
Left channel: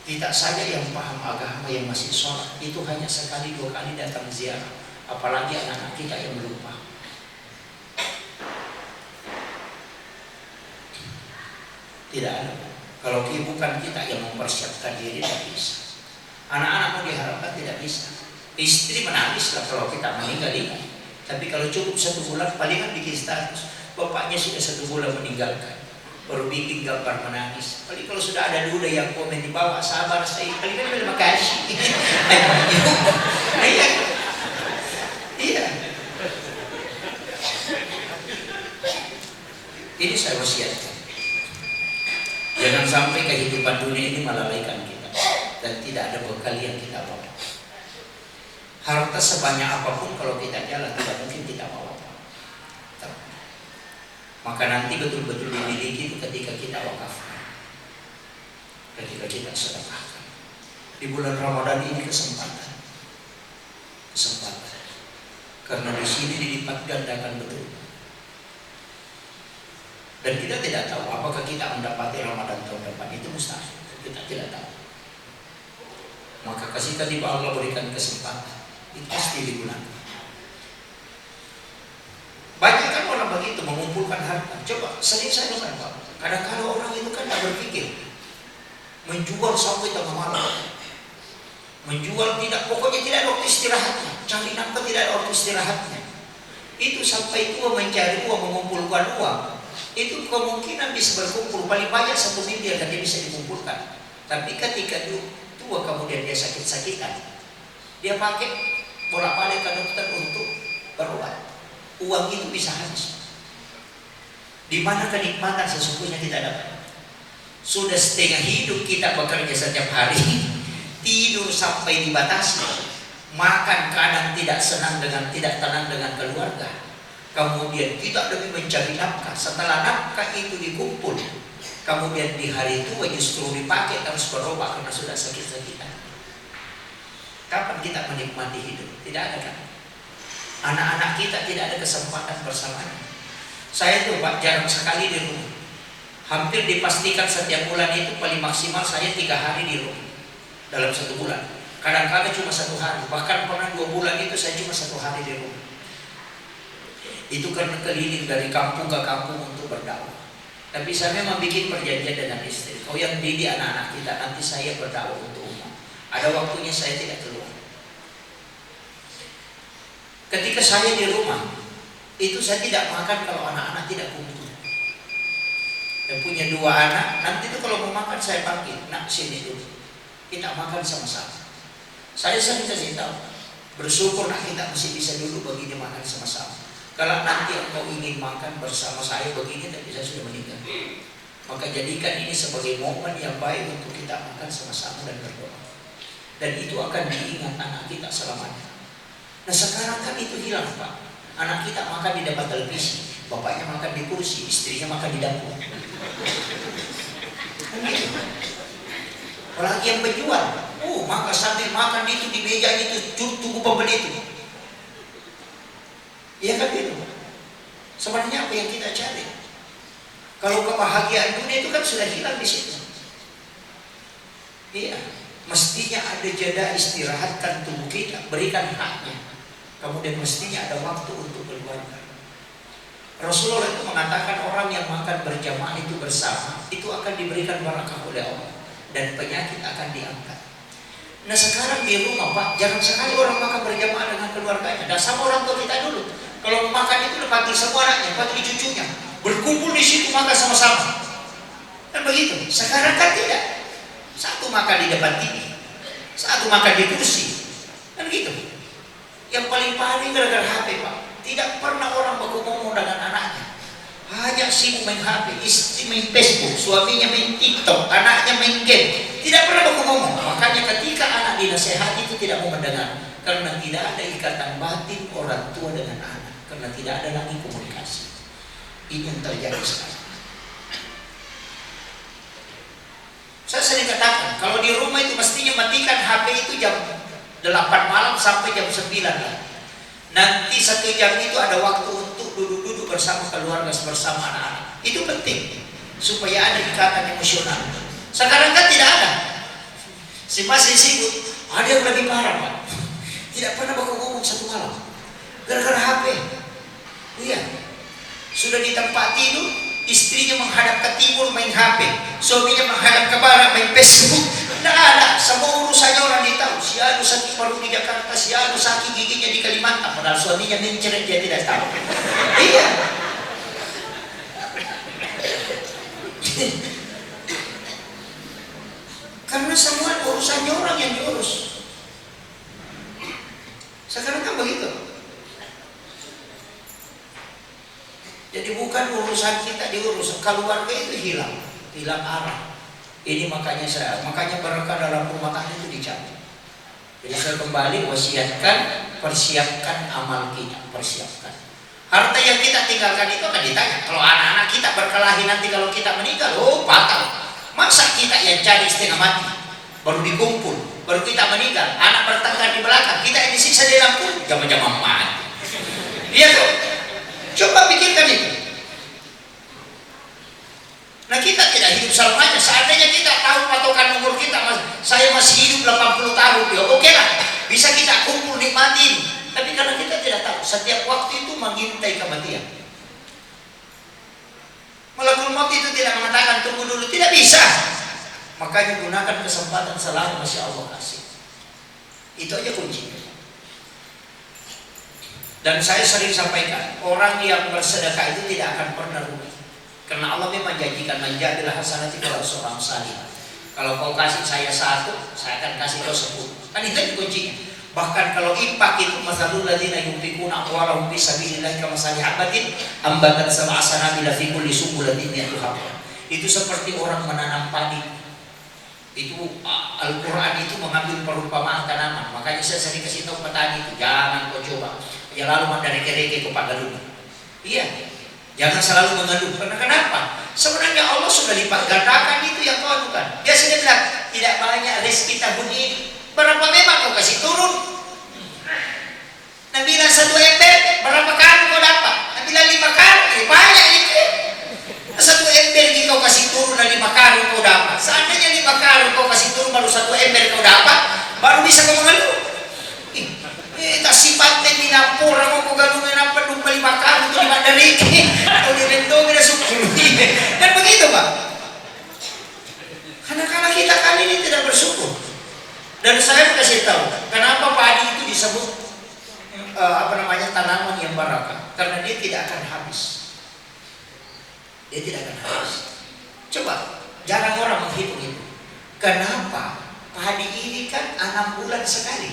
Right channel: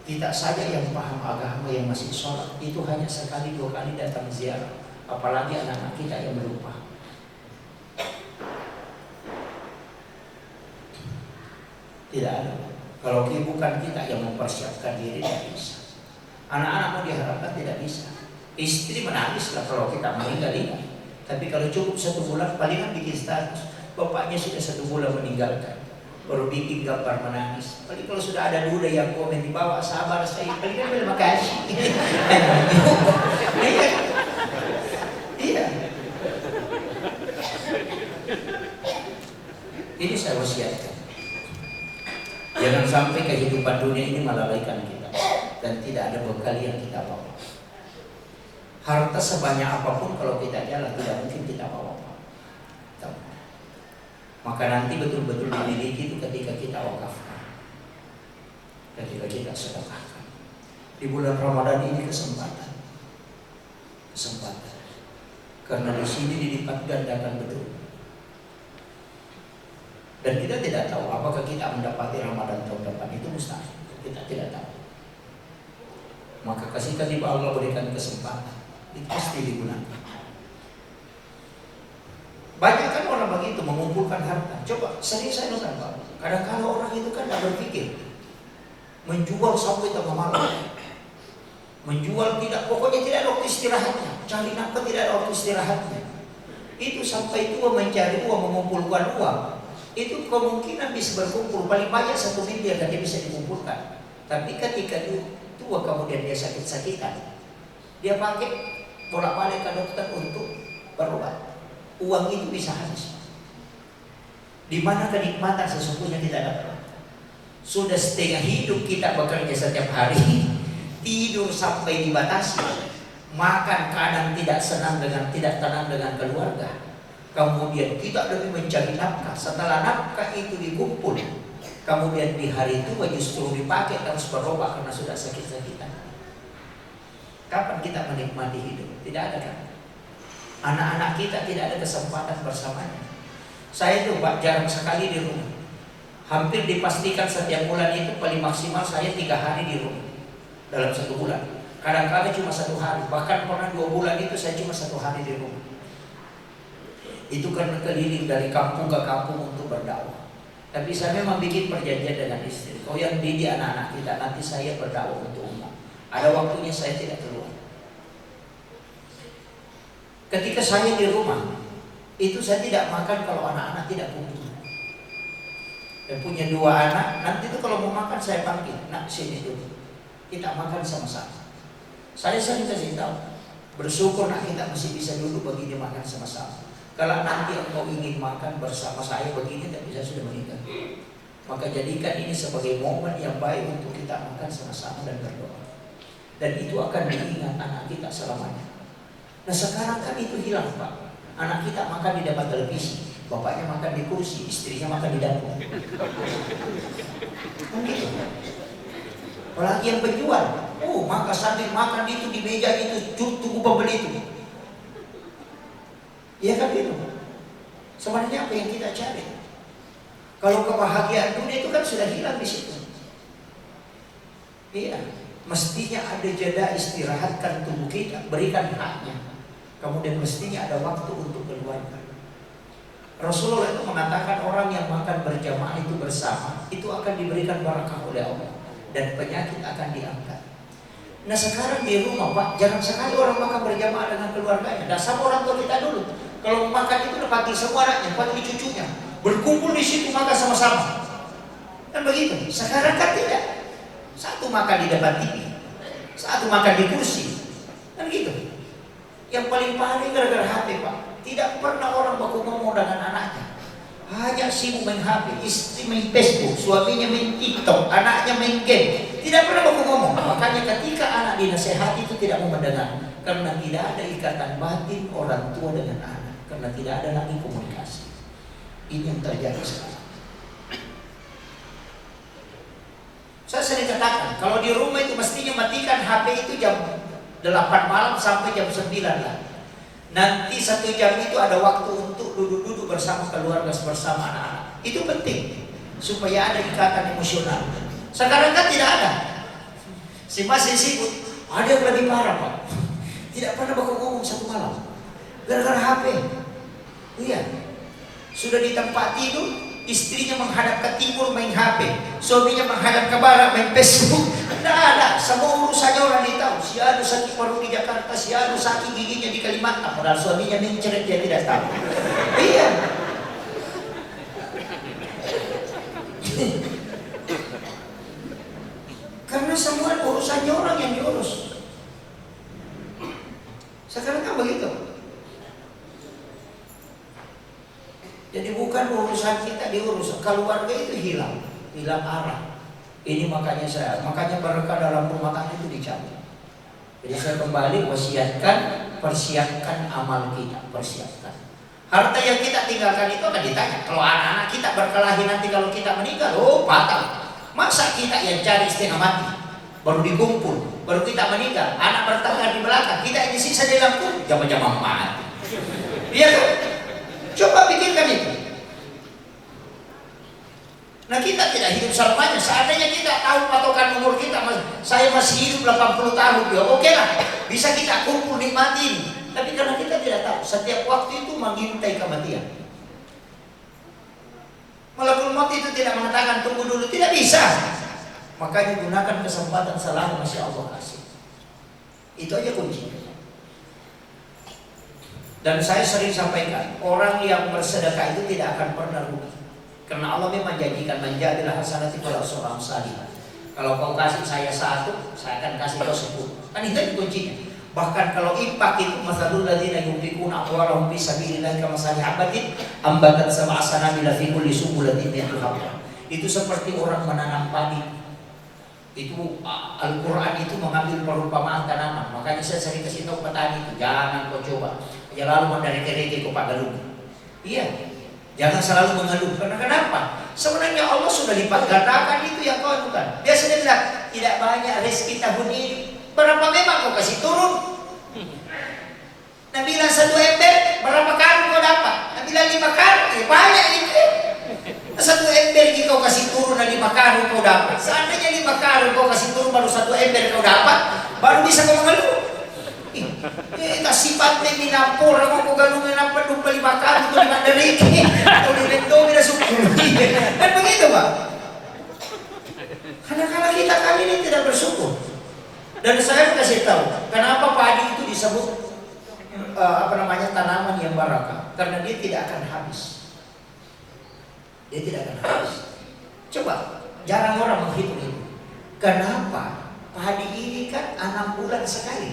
Kita saja yang paham agama yang masih sholat itu hanya 1-2 kali datang ziarah. Apalagi anak-anak kita yang melupa. Tidak ada. Kalau bukan kita yang mempersiapkan diri, tidak bisa. Anak-anak mau diharapkan tidak bisa. Istri menangis lah kalau kita meninggal ini. Tapi kalau cukup 1 bulan, palingan bikin status. Bapaknya sudah 1 bulan meninggalkan, baru bikin gambar menangis. Paling kalau sudah ada duda yang komen di bawah, sabar saya. Palingan terima kasih. Iya. Ini saya wasiatkan. Jangan sampai kehidupan dunia ini melalaikan kita dan tidak ada bekal yang kita bawa. Harta sebanyak apapun kalau kita jalan tidak mungkin kita bawa. Maka nanti betul-betul dimiliki itu ketika kita wakafkan, ketika kita sedekahkan. Di bulan Ramadan ini kesempatan. Karena di sini dilipat gandakan betul. Dan kita tidak tahu apakah kita mendapati Ramadan tahun depan, itu mustahil. Kita tidak tahu. Maka kasihkan tiba Allah berikan kesempatan, itu pasti digunakan. Banyak kan orang begitu mengumpulkan harta. Coba sering saya dengar Pak, kadang-kadang orang itu kan tidak berpikir menjual sampai tengah malam, menjual tidak, pokoknya tidak ada waktu istirahatnya, cari nafkah tidak ada waktu istirahatnya. Itu sampai tua mencari uang, mengumpulkan uang. Itu kemungkinan bisa berkumpul paling banyak 1 miliar dan dia bisa dikumpulkan. Tapi ketika tua kemudian dia sakit-sakitan, dia pakai bolak-balik ke dokter untuk berobat. Uang itu bisa habis. Di mana kenikmatan sesungguhnya kita dapat? Sudah setengah hidup kita bekerja setiap hari, tidur sampai dibatasi, makan kadang tidak tenang dengan keluarga. Kemudian kita demi mencari nafkah, setelah nafkah itu dikumpul, kemudian di hari tua justru dipakai harus berobat karena sudah sakit-sakitan. Kapan kita menikmati hidup? Tidak ada kan? Anak-anak kita tidak ada kesempatan bersamanya. Saya tuh Pak jarang sekali di rumah. Hampir dipastikan setiap bulan itu paling maksimal saya 3 hari di rumah dalam 1 bulan. Kadang-kadang cuma 1 hari, bahkan pernah 2 bulan itu saya cuma 1 hari di rumah. Itu karena keliling dari kampung ke kampung untuk berdakwah. Tapi saya memang bikin perjanjian dengan istri. Kau yang didik anak-anak kita, nanti saya berdakwah untuk umum. Ada waktunya saya tidak keluar. Ketika saya di rumah, itu saya tidak makan kalau anak-anak tidak kumpul. Dan punya 2 anak, nanti itu kalau mau makan saya panggil, nak sini dulu, kita makan sama-sama. Saya sering kasih tahu, bersyukur nak kita masih bisa dulu begini makan sama-sama. Kalau nanti engkau ingin makan bersama saya begini, tapi saya sudah meninggal. Maka jadikan ini sebagai momen yang baik untuk kita makan sama-sama dan berdoa. Dan itu akan diingat anak kita selamanya. Nah sekarang kan itu hilang Pak. Anak kita makan di depan televisi, bapaknya makan di kursi, istrinya makan di dapur. Kan gitu. Apalagi yang penjual, maka sambil makan itu di meja itu tunggu pembeli itu. Iya kan gitu. Sebenarnya apa yang kita cari? Kalau kebahagiaan dunia itu kan sudah hilang di situ. Iya, mestinya ada jeda istirahatkan tubuh kita, berikan haknya. Kemudian mestinya ada waktu untuk keluarga. Rasulullah itu mengatakan orang yang makan berjamaah itu bersama itu akan diberikan barakah oleh Allah dan penyakit akan diangkat. Nah sekarang di rumah Pak, jangan sekali orang makan berjamaah dengan keluarganya. Dan sama orang tua kita dulu, kalau makan itu udah panggil semua anaknya, panggil cucunya, berkumpul di situ makan sama-sama. Kan begitu. Sekarang kan tidak. Satu makan di depan TV, satu makan di kursi, kan gitu. Yang paling gara-gara HP Pak. Tidak pernah orang baku ngomong dengan anaknya. Hanya sibuk main HP, istri main Facebook, suaminya main TikTok, anaknya main game. Tidak pernah baku ngomong. Makanya ketika anak dinasehati itu tidak mau mendengar, karena tidak ada ikatan batin orang tua dengan anak, karena tidak ada lagi komunikasi. Ini yang terjadi sekarang. Saya sering katakan, kalau di rumah itu mestinya matikan HP itu jam 8 malam sampai jam 9 lah. Nanti 1 jam itu ada waktu untuk duduk-duduk bersama keluarga, bersama anak-anak. Itu penting supaya ada ikatan emosional. Sekarang kan tidak ada. Si masih sibuk. Ada yang lagi marah Pak. Tidak pernah bakal ngomong 1 malam. Gara-gara HP. Iya. Sudah di tempat tidur, istrinya menghadap ke timur main HP, suaminya menghadap ke barat main Facebook. Tidak ada, semua urusannya orang ditahu. Si anu sakit paru di Jakarta, si anu sakit giginya di Kalimantan, padahal suaminya mencret dia tidak tahu. Iya. Karena semua urusannya orang yang diurus. Sekarang kan begitu. Jadi bukan urusan kita diurus, keluarga itu hilang arah. Ini makanya berkah dalam rumah tangga itu dicabut. Jadi saya kembali persiapkan amal kita, persiapkan. Harta yang kita tinggalkan itu akan ditanya. Kalau anak-anak kita berkelahi nanti kalau kita meninggal, fatal. Masa kita yang cari setengah mati, baru dikumpul, baru kita meninggal, anak bertengkar di belakang, kita yang disiksa di dalam kubur, jam-jam mati. Iya kan? Coba pikirkan itu. Nah kita tidak hidup selamanya. Seandainya kita tahu patokan umur kita, saya masih hidup 80 tahun, ya oke lah, bisa kita kumpul nikmatin. Tapi karena kita tidak tahu, setiap waktu itu mengintai kematian. Malakul maut itu tidak mengatakan tunggu dulu, tidak bisa. Makanya gunakan kesempatan selama masih Allah kasih. Itu aja kuncinya. Dan saya sering sampaikan, orang yang bersedekah itu tidak akan pernah rugi. Karena Allah memang janjikan menjadilah hasanati kalau seorang salih. Kalau kau kasih saya 1, saya akan kasih kau 10. Kan itu kuncinya. Bahkan kalau infak itu masalul ladzina yunfiquna amwalahum fi sabilillah kamathali habatin ambatat sab'a sanabila fi kulli sunbulatin mi'atu habba. Itu seperti orang menanam padi. Itu Al-Quran itu mengambil perumpamaan tanaman. Makanya saya sering kasih tahu petani itu, jangan kau coba ya lalu mendareke-reke kau pak galung. Iya, jangan selalu mengeluh. Karena kenapa? Sebenarnya Allah sudah lipat gandakan itu yang kau lakukan. Dia sudah bilang tidak banyak rezeki tahun ini. Berapa memang kau kasih turun? Nabi bilang 1 ember, berapa kali kau dapat? Nabi bilang 5 kali, banyak itu. 1 ember kau kasih turun dan 5 karung kau dapat. Seandainya 5 karung kau kasih turun baru 1 ember kau dapat, baru bisa kau mengeluh. Kasih paten di dapur, mau kau galungin apa 5 karung itu 5 derik, atau di bentong tidak suka. Kan begitu Pak. Karena kita kali ini tidak bersyukur. Dan saya kasih tahu, kenapa padi itu disebut tanaman yang barakah? Karena dia tidak akan habis. Dia tidak akan habis. Coba, jarang orang menghitung itu. Kenapa? Padi ini kan 6 bulan sekali.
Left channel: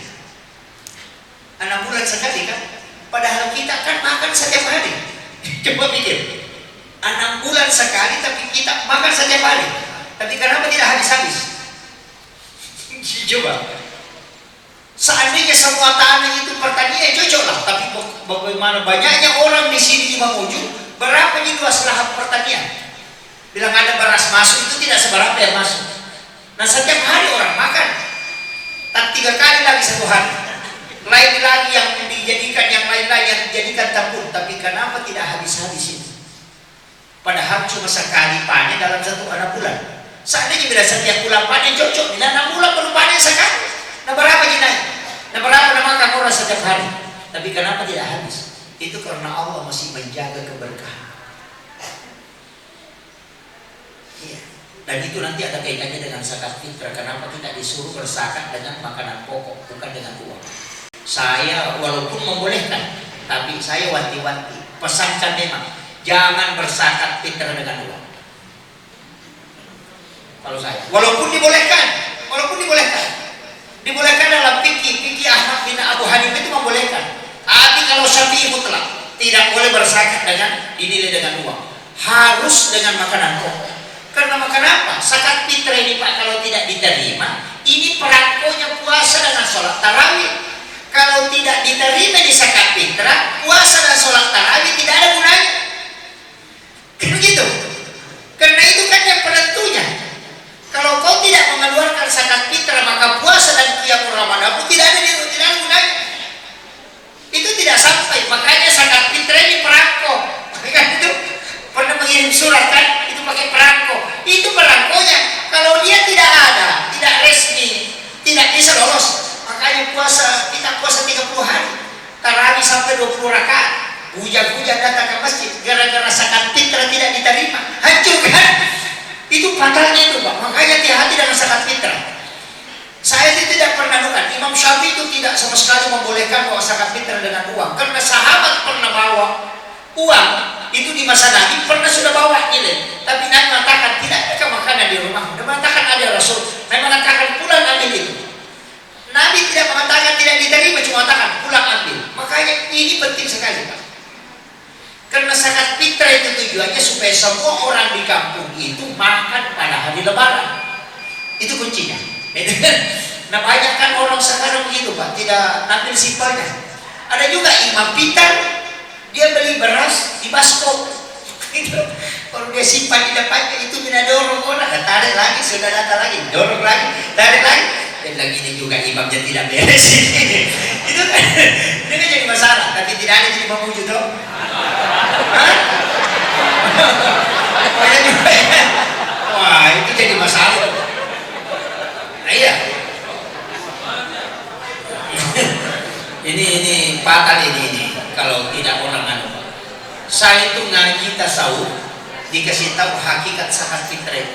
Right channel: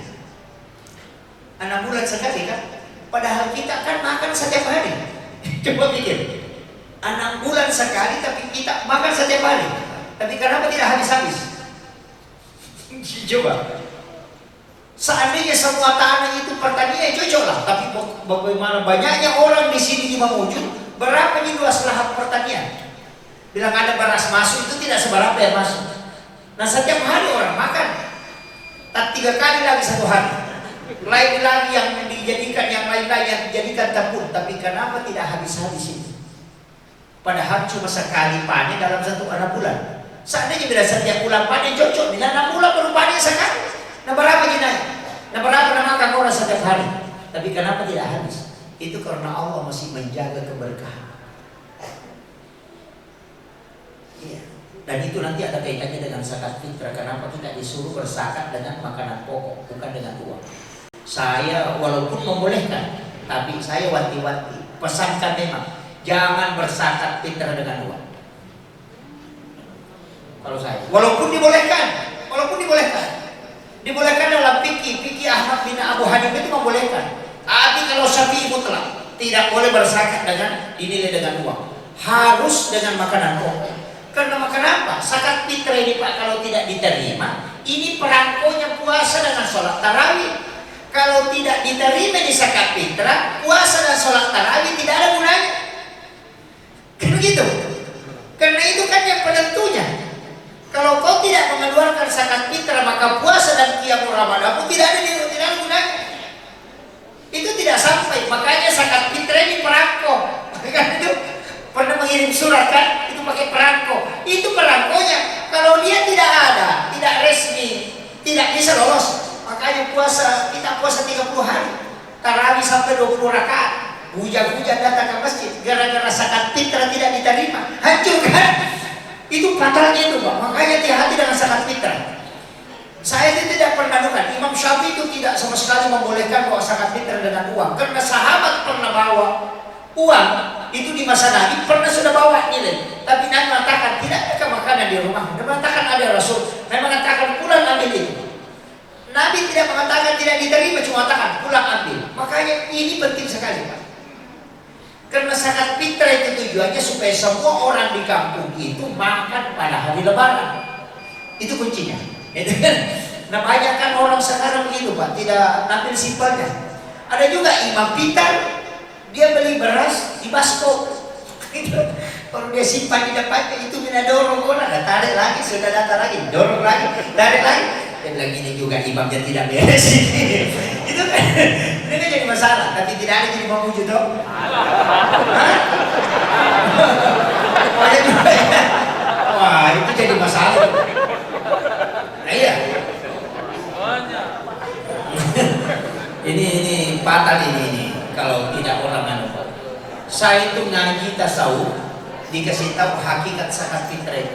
6 bulan sekali kan? Padahal kita kan makan setiap hari. Coba pikir. 6 bulan sekali tapi kita makan setiap hari. Tapi kenapa tidak habis-habis? Coba. Seandainya semua tanah itu pertanian cocok lah. Tapi bagaimana banyaknya orang di sini di Mamuju, berapa nih luas lahan pertanian? Bilang ada beras masuk itu tidak seberapa yang masuk. Nah setiap hari orang makan. Tak 3 kali lagi 1 hari. Lain lagi yang dijadikan yang lain-lain yang dijadikan tabur. Tapi kenapa tidak habis-habis itu? Padahal cuma sekali panen dalam 1 bulan. Seandainya bila setiap bulan panen cocok. Bila 6 bulan baru panen sekali. Nah berapa jenayah? Nah berapa makan orang setiap hari? Tapi kenapa tidak habis? Itu karena Allah masih menjaga keberkahan. Iya. Dan itu nanti ada kaitannya dengan zakat fitrah. Kenapa kita disuruh berzakat dengan makanan pokok, bukan dengan uang? Saya walaupun membolehkan, tapi saya wanti-wanti pesankan memang jangan berzakat fitrah dengan uang. Kalau saya, walaupun dibolehkan, dibolehkan dalam fikih Ahmad bin Abu Hanifah itu membolehkan. Tapi kalau Syafi'i mutlak tidak boleh berzakat dengan dinilai dengan uang, harus dengan makanan pokok. Karena kenapa? Zakat fitrah ini Pak kalau tidak diterima, ini perangkonya puasa dengan sholat tarawih. Kalau tidak diterima di zakat fitrah, puasa dan sholat tarawih tidak ada gunanya. Kan begitu? Karena itu kan yang penentunya. Kalau kau tidak mengeluarkan zakat fitrah, maka puasa dan qiyamul Ramadan pun tidak ada gunanya. Itu tidak sampai. Makanya zakat fitrah ini perangko. Kan itu pernah mengirim surat kan? Itu pakai perangko. Itu perangkonya. Kalau dia tidak ada, tidak resmi, tidak bisa lolos. Makanya kita puasa 30 hari. Tarawih sampai 20 rakaat. Hujan-hujan datang ke masjid gara-gara zakat fitrah tidak diterima. Hancur kan? Itu fatalnya itu Pak. Makanya hati-hati dengan zakat fitrah. Saya tidak pernah dengar Imam Syafi'i itu tidak sama sekali membolehkan bawa zakat fitrah dengan uang. Karena sahabat pernah bawa uang itu di masa Nabi pernah sudah bawa nilai. Tapi Nabi mengatakan tidak ada makanan di rumah. Nabi mengatakan ada Rasul. Nabi mengatakan pulang ambil itu. Nabi tidak mengatakan tidak diterima, cuma mengatakan pulang ambil. Makanya ini penting sekali Pak. Karena zakat fitrah itu tujuannya supaya semua orang di kampung itu makan pada hari Lebaran. Itu kuncinya. Nah banyak kan orang sekarang begitu Pak, tidak ambil simpelnya. Ada juga imam pintar, dia beli beras di basko. Kalau dia simpan di depannya itu mina dorong orang, tarik lagi, sudah datang lagi, dorong lagi, tarik lagi. Dan lagi ini juga imamnya tidak beres. Itu kan, ini kan jadi masalah. Tapi tidak ada jadi Mamuju toh. Wah itu jadi masalah. Nah iya. ini fatal ini kalau tidak orang anu. Saya itu ngaji tasawuf dikasih tahu hakikat zakat fitrah.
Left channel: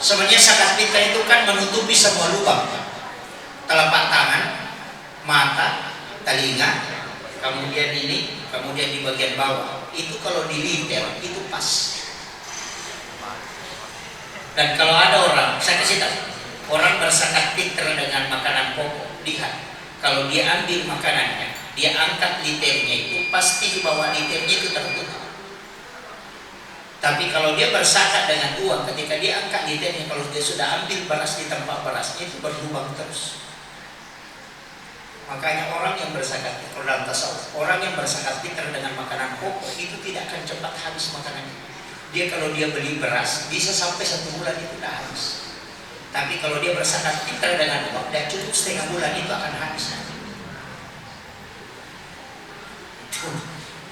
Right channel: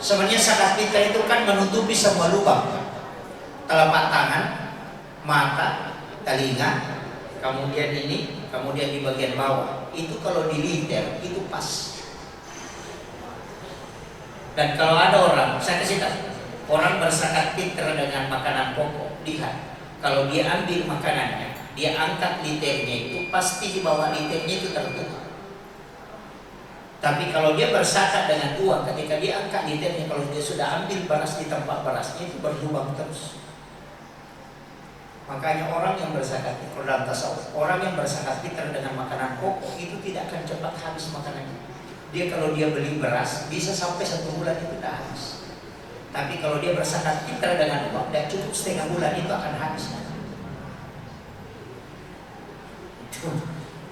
Sebenarnya zakat fitrah itu kan menutupi semua lubang. Telapak tangan, mata, telinga, kemudian ini, kemudian di bagian bawah. Itu kalau diliter itu pas. Dan kalau ada orang, saya kasih tahu, orang berzakat fitrah dengan makanan pokok, lihat, kalau dia ambil makanannya, dia angkat liternya itu pasti di bawah liternya itu tertutup. Tapi kalau dia berzakat dengan uang, ketika dia angkat liternya, kalau dia sudah ambil beras di tempat berasnya itu berlubang terus. Makanya orang yang berzakat dalam tasawuf, orang yang berzakat fitrah dengan makanan pokok itu tidak akan cepat habis makanannya. Dia kalau dia beli beras bisa sampai 1 bulan itu sudah habis. Tapi kalau dia berzakat fitrah dengan uang, dia cukup setengah bulan itu akan habis.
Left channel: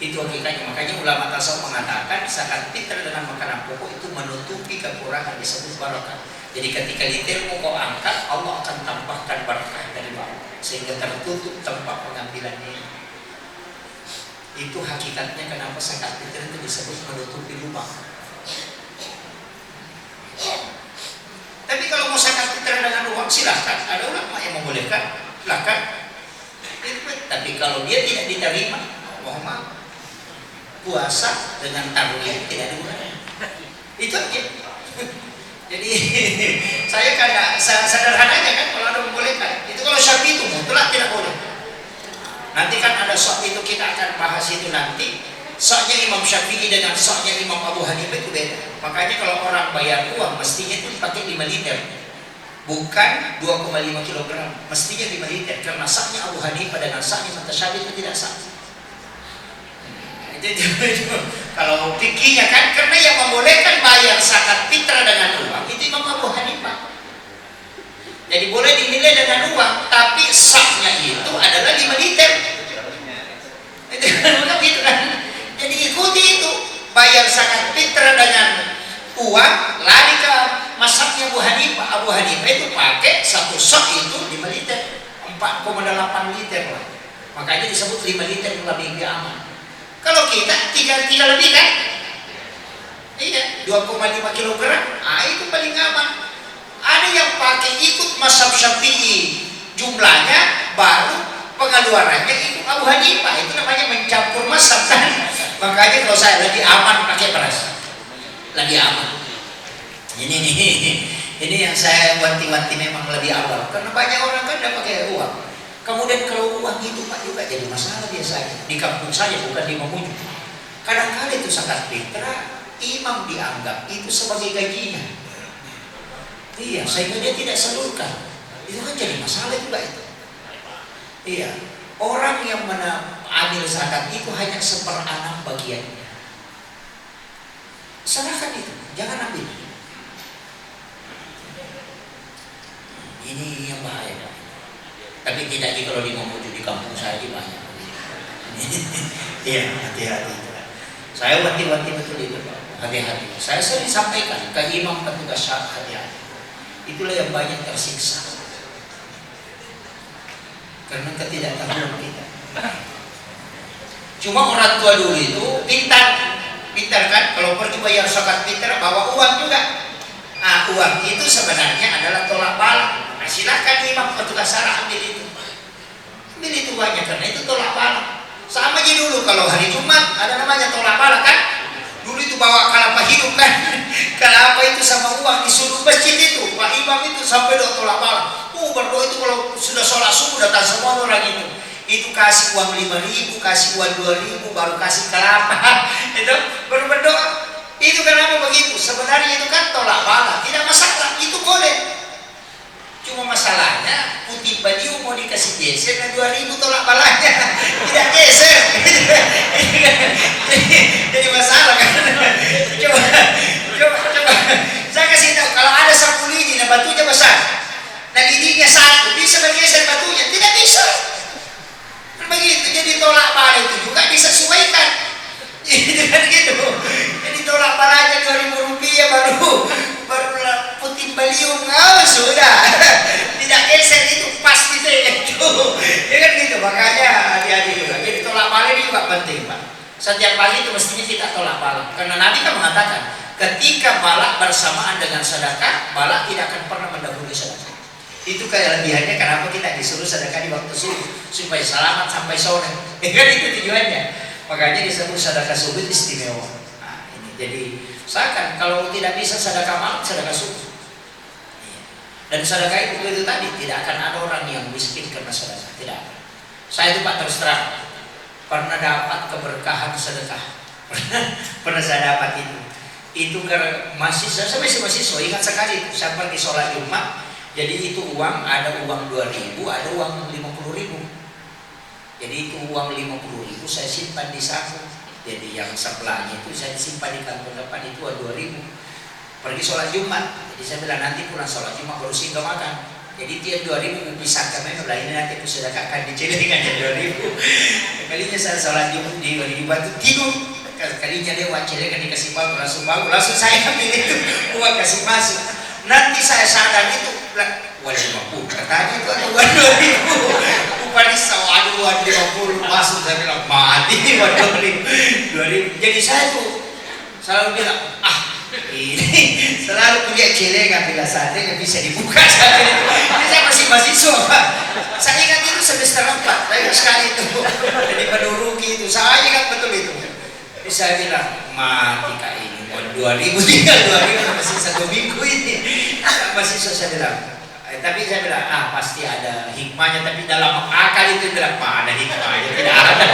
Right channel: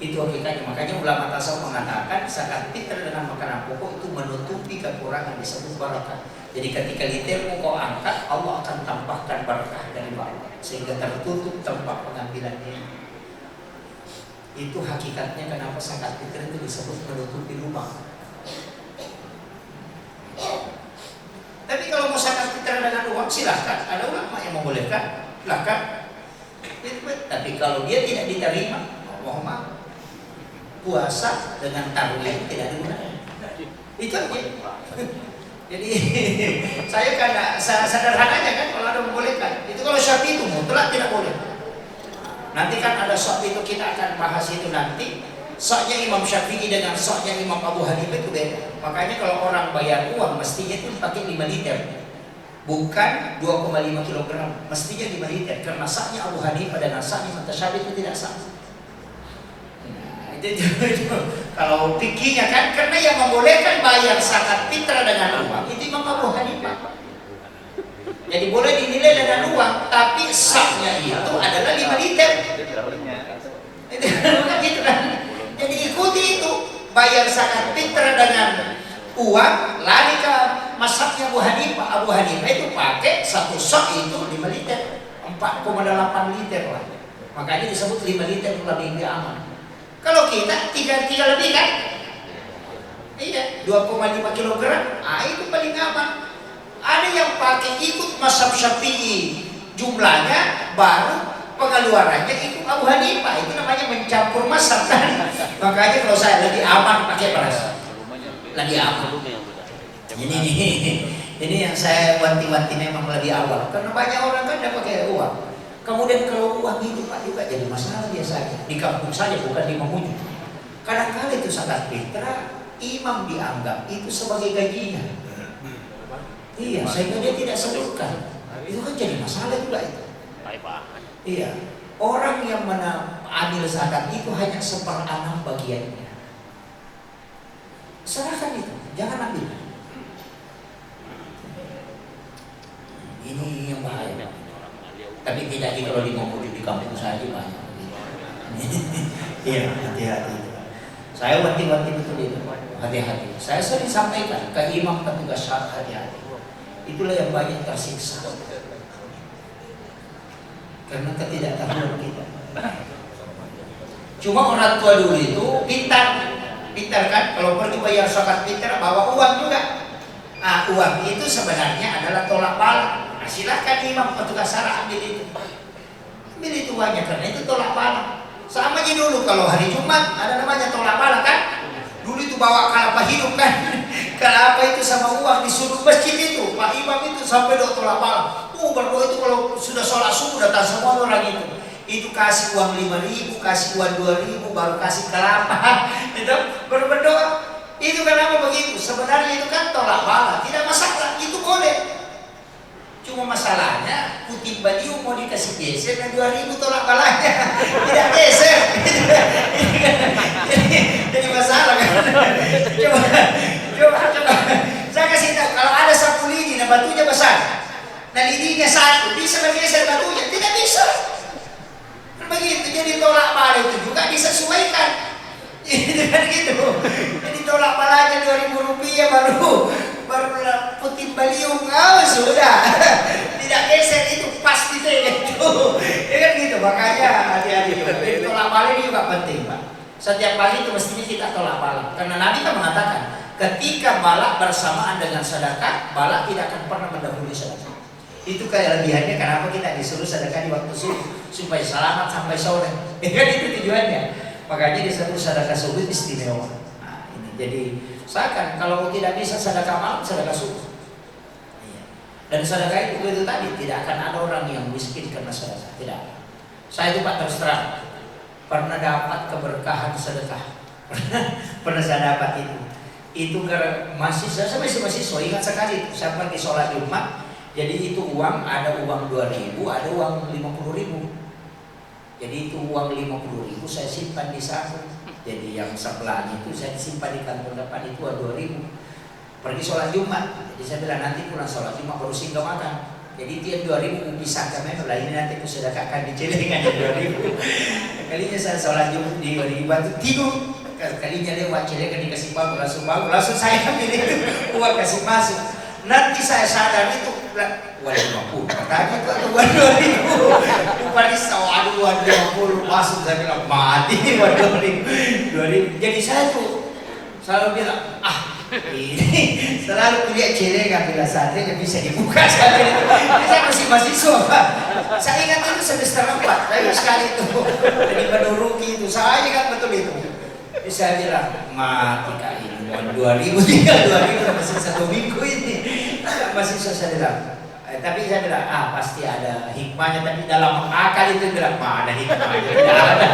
Itu hakikatnya. Makanya ulama tasawuf mengatakan zakat fitrah dengan makanan pokok itu menutupi kekurangan, disebut barakah. Jadi ketika litermu kau angkat, Allah akan tambahkan barakah dari bawah sehingga tertutup tempat pengambilannya. Itu hakikatnya kenapa zakat fitrah itu disebut menutupi lubang. Tapi kalau mau zakat fitrah dengan uang silahkan, ada ulama yang membolehkan, silahkan. Tapi kalau dia tidak diterima, Allah puasa dengan tarawih tidak dibolehkan. Itu aja. Jadi saya kan sederhananya kan kalau ada membolehkan. Itu kalau Syafi'i itu mutlak tidak boleh. Nanti kan ada sok itu kita akan bahas itu nanti. Soknya Imam Syafi'i dengan soknya Imam Abu Hanifah itu beda. Makanya kalau orang bayar uang mestinya itu dipakai 5 liter. Bukan 2,5 kg. Mestinya 5 liter karena soknya Abu Hanifah dengan soknya Mutasyabi itu tidak sama. Kalau fikihnya kan karena yang membolehkan bayar zakat fitrah dengan uang itu Imam Abu Hanifah. Jadi boleh dinilai dengan uang, tapi sahnya itu adalah 5 liter. Itu kan. Jadi ikuti itu, bayar zakat fitrah dengan uang, lari ke mazhabnya Abu Hanifah. Abu Hanifah itu pakai satu sak itu 5 liter, 4,8 liter lah. Makanya disebut 5 liter lebih aman. Kalau kita 3 lebih kan? Iya, 2,5 kg. Ah, itu paling aman. Ada yang pakai ikut mazhab Syafi'i, jumlahnya baru pengeluarannya ikut Abu Hanifah. Itu namanya mencampur mazhab kan? Makanya kalau saya lebih aman pakai beras. Lebih aman. Ini yang saya wanti-wanti memang lebih awal. Karena banyak orang kan tidak pakai uang. Kemudian kalau uang itu Pak juga jadi masalah biasanya di kampung saya, bukan di Mamuju. Kadang-kadang itu zakat fitrah imam dianggap itu sebagai gajinya. Iya, sehingga dia tidak salurkan. Itu kan jadi masalah juga itu. Iya, orang yang mengambil zakat itu hanya 1/6 bagiannya. Serahkan itu, jangan ambil. Ini yang bahaya. Tapi tidak kalau di Mamuju di kampung saya banyak. Iya, hati-hati. Saya wanti-wanti betul itu, hati-hati. Saya sering sampaikan ke imam petugas syariat, hati-hati. Itulah yang banyak tersiksa karena ketidaktahuan kita. Cuma orang tua dulu itu pintar kan, kalau pergi bayar zakat fitrah bawa uang juga. Nah, uang itu sebenarnya adalah tolak bala. Nah, silahkan imam petugas syariat ambil itu uangnya karena itu tolak bala. Sama aja dulu kalau hari Jumat ada namanya tolak bala kan. Dulu itu bawa kelapa hidup kan. Kelapa itu sama uang disuruh masjid itu. Pak imam itu sampai tolak bala. Berdoa itu kalau sudah sholat subuh datang semua orang itu. Itu kasih uang 5.000, kasih uang 2.000, baru kasih kelapa. Itu baru berdoa. Itu kenapa begitu? Sebenarnya itu kan tolak bala, tidak masalah, itu boleh. Cuma masalahnya putih baliu mau dikasih geser dan 2.000 tolak balanya tidak geser. Jadi masalah kan? Coba. Saya kasih tahu kalau ada sapu lidi, nah batunya besar, nah lidinya satu, bisa bergeser batunya? Tidak bisa. Begitu, jadi tolak bala itu juga disesuaikan. Itu kan gitu. Jadi tolak balanya 2.000 rupiah baru putin baliung, sudah tidak geser itu pas gitu itu. Ya kan gitu. Makanya hati-hati. Jadi tolak bala ini juga penting Pak. Setiap pagi itu mestinya kita tolak bala. Karena Nabi kan mengatakan ketika bala bersamaan dengan sedekah, bala tidak akan pernah mendahului sedekah. Itu kelebihannya kenapa kita disuruh sedekah di waktu subuh supaya selamat sampai sore. Kan itu tujuannya. Makanya disebut sedekah subuh istimewa. Nah, ini jadi usahakan kalau tidak bisa sedekah malam, sedekah subuh. Dan sedekah itu tadi tidak akan ada orang yang miskin karena sedekah, tidak ada. Saya itu Pak terus terang pernah dapat keberkahan sedekah. Pernah saya dapat itu. Itu karena mahasiswa, saya masih mahasiswa, ingat sekali saya pergi sholat Jumat. Jadi itu uang, ada uang 2.000, ada uang 50.000. Jadi itu uang 50.000 saya simpan di saku. Jadi yang sebelahnya itu saya simpan di kantong depan, itu 2.000. Pergi sholat Jumat, jadi saya bilang nanti pulang sholat Jumat baru singgah makan. Jadi dia 2.000 pisah kami, ini nanti aku sedekahkan di celengan 2.000. Kalinya saya sholat Jumat di batu tidur. Kalinya lewat celengan dikasih batu langsung saya ambil itu uang kasih masuk. Nanti saya sadar itu uang 50, katanya itu ada uang 2.000. Upah risau, aduh uang 50 masuk, saya bilang mati uang 2.000. Jadi saya tuh selalu bilang ini selalu punya celengan bila saatnya bisa dibuka saat ini. Ini saya masih mahasiswa, Pak. Saya ingat itu semester 4, saya sekali itu jadi menuruki itu, saya ingat betul itu. Jadi saya bilang mati kak ini, 2.000 tinggal 2.000 masih 1 minggu ini. Mahasiswa saya bilang, tapi saya bilang pasti ada hikmahnya, tapi dalam akal itu bilang mana hikmahnya, tidak ada.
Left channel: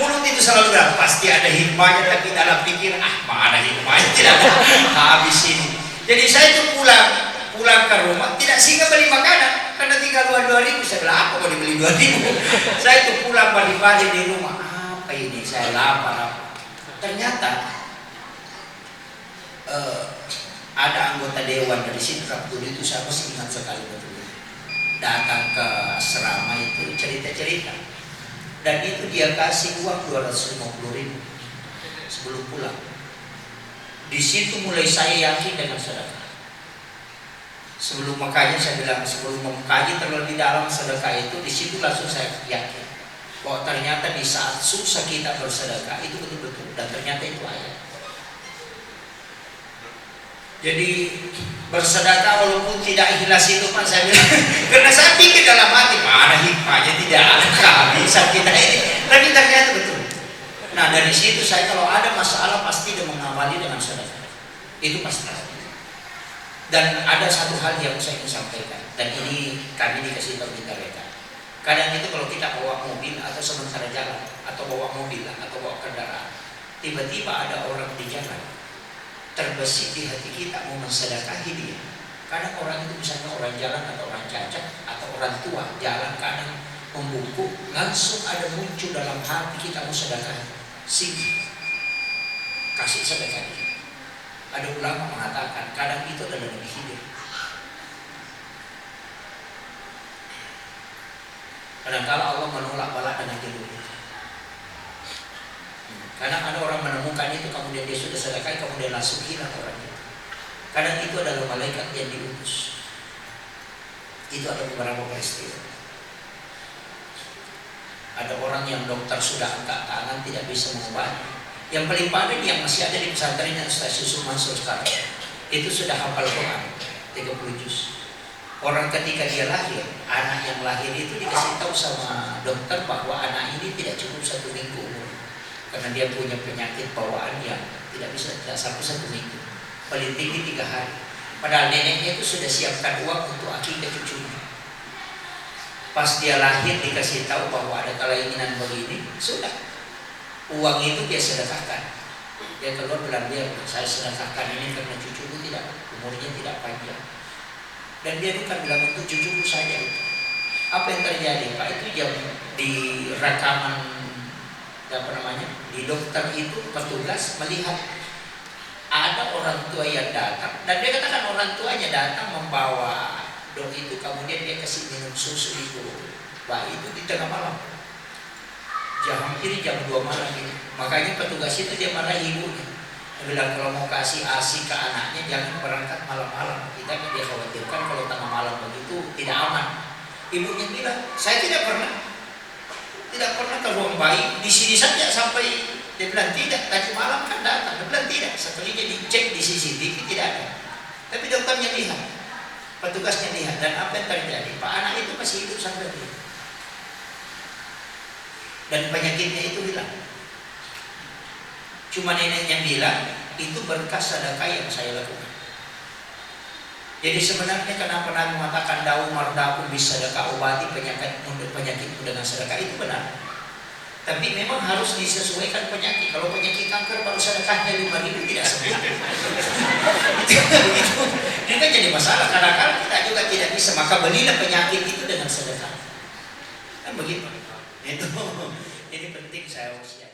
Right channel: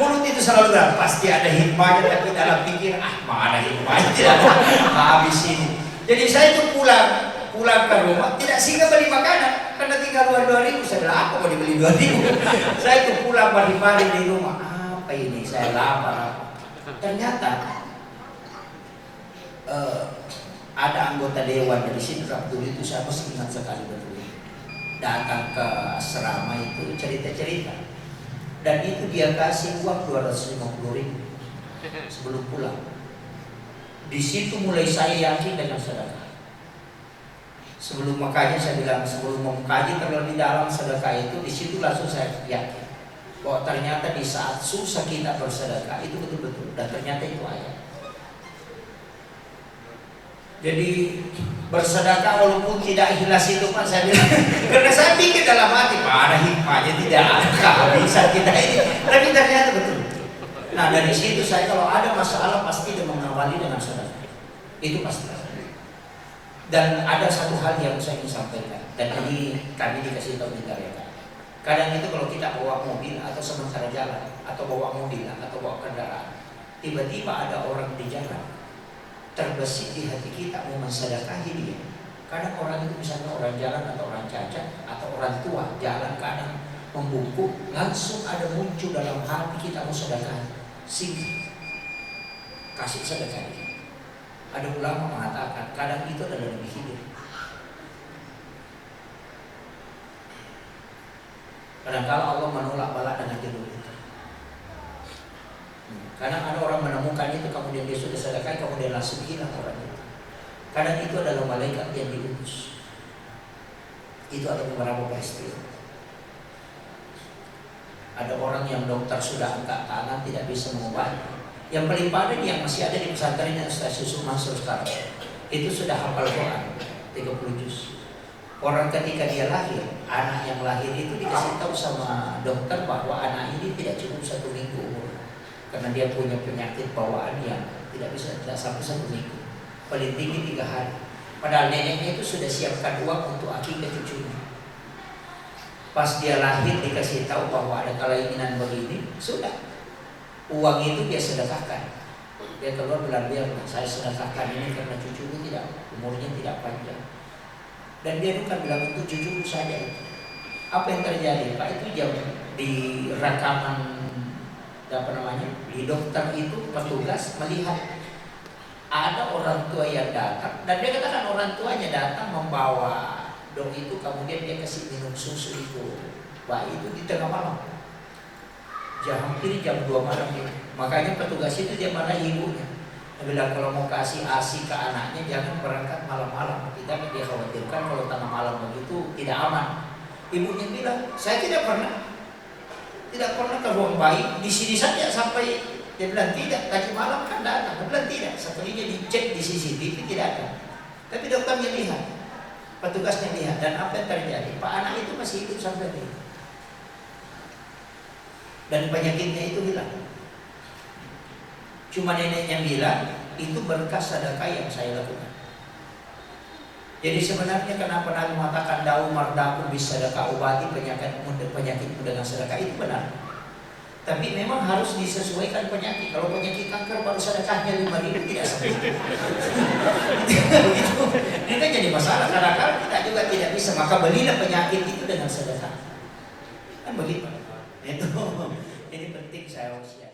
Mulut itu selalu bilang pasti ada hikmahnya, tapi dalam pikir mana hikmahnya, tidak ada. Habis ini. Jadi saya itu pulang ke rumah tidak singgah beli makanan karena tinggal 2.000. Saya bilang apa mau dibeli 2.000? Saya itu pulang pagi-pagi di rumah, apa ini, saya lapar. Ternyata ada anggota dewan dari situ waktu itu, saya masih ingat sekali betul. Datang ke asrama itu cerita-cerita, dan itu dia kasih uang 250.000 sebelum pulang. Di situ mulai saya yakin dengan sedekah. Sebelum makanya saya bilang sebelum mengkaji terlebih dalam sedekah itu, di situ langsung saya yakin bahwa ternyata di saat susah kita bersedekah itu betul-betul, dan ternyata itu ayat. Jadi bersedekah walaupun tidak ikhlas itu kan saya bilang, karena saya pikir dalam hati mana hikmahnya, tidak ada kehabisan kita ini, tapi ternyata betul. Nah dari situ saya kalau ada masalah pasti dia mengawali dengan sedekah, itu pasti. Dan ada satu hal yang saya ingin sampaikan, dan ini kami dikasih tahu di mereka. Kadang itu kalau kita bawa mobil atau sementara jalan, atau bawa mobil atau bawa kendaraan, tiba-tiba ada orang di jalan, terbesit di hati kita mau mensedekahi dia. Kadang orang itu misalnya orang jalan atau orang cacat atau orang tua jalan kadang membungkuk, langsung ada muncul dalam hati kita mau sedekah. Sini kasih sedekah dia. Ada ulama mengatakan kadang itu adalah lebih hidup. Kadang-kala Allah menolak bala dengan hidup. Kadang ada orang menemukan itu, kemudian dia sudah sedekah, kemudian langsung hilang orang itu. Kadang itu adalah malaikat yang diutus. Itu ada beberapa peristiwa. Ada orang yang dokter sudah angkat tangan tidak bisa mengobati. Yang paling paling yang masih ada di pesantrennya Ustaz Yusuf Mansur sekarang, itu sudah hafal Quran 30 juz. Orang ketika dia lahir, anak yang lahir itu dikasih tahu sama dokter bahwa anak ini tidak cukup 1 minggu umur, karena dia punya penyakit bawaan yang tidak sampai 1 minggu, paling tinggi 3 hari. Padahal neneknya itu sudah siapkan uang untuk akikah cucunya. Pas dia lahir dikasih tahu bahwa ada keinginan begini, sudah uang itu dia sedekahkan. Dia keluar bilang, dia saya sedekahkan ini karena cucuku tidak umurnya tidak panjang. Dan dia bukan bilang untuk cucuku saja itu. Apa yang terjadi? Pak itu jam di rekaman di dokter itu petugas melihat ada orang tua yang datang, dan dia katakan orang tuanya datang membawa dok itu, kemudian dia kasih minum susu itu bayi itu di tengah malam, hampir jam 2 malam ini. Makanya petugas itu dia marah ibunya. Dia bilang kalau mau kasih ASI ke anaknya jangan berangkat malam-malam. Kita dia khawatirkan kalau tengah malam begitu tidak aman. Ibunya bilang saya tidak pernah ke ruang bayi, di sini saja sampai. Dia bilang tidak, tadi malam kan datang. Dia bilang tidak, sekalinya dicek di CCTV tidak ada. Tapi dokternya lihat, petugasnya lihat, dan apa yang terjadi? Pak anak itu masih hidup sampai ini, dan penyakitnya itu hilang. Cuma neneknya bilang itu berkas sedekah yang saya lakukan. Jadi sebenarnya kenapa Nabi mengatakan daun mardaku bisa sedekah obati penyakitmu dengan sedekah, itu benar. Tapi memang harus disesuaikan penyakit. Kalau penyakit kanker baru sedekahnya 5.000 tidak sampai. Begitu. Ini kan jadi masalah karena kita juga tidak bisa. Maka belilah penyakit itu dengan sedekah. Kan begitu. Itu. Jadi penting saya usia.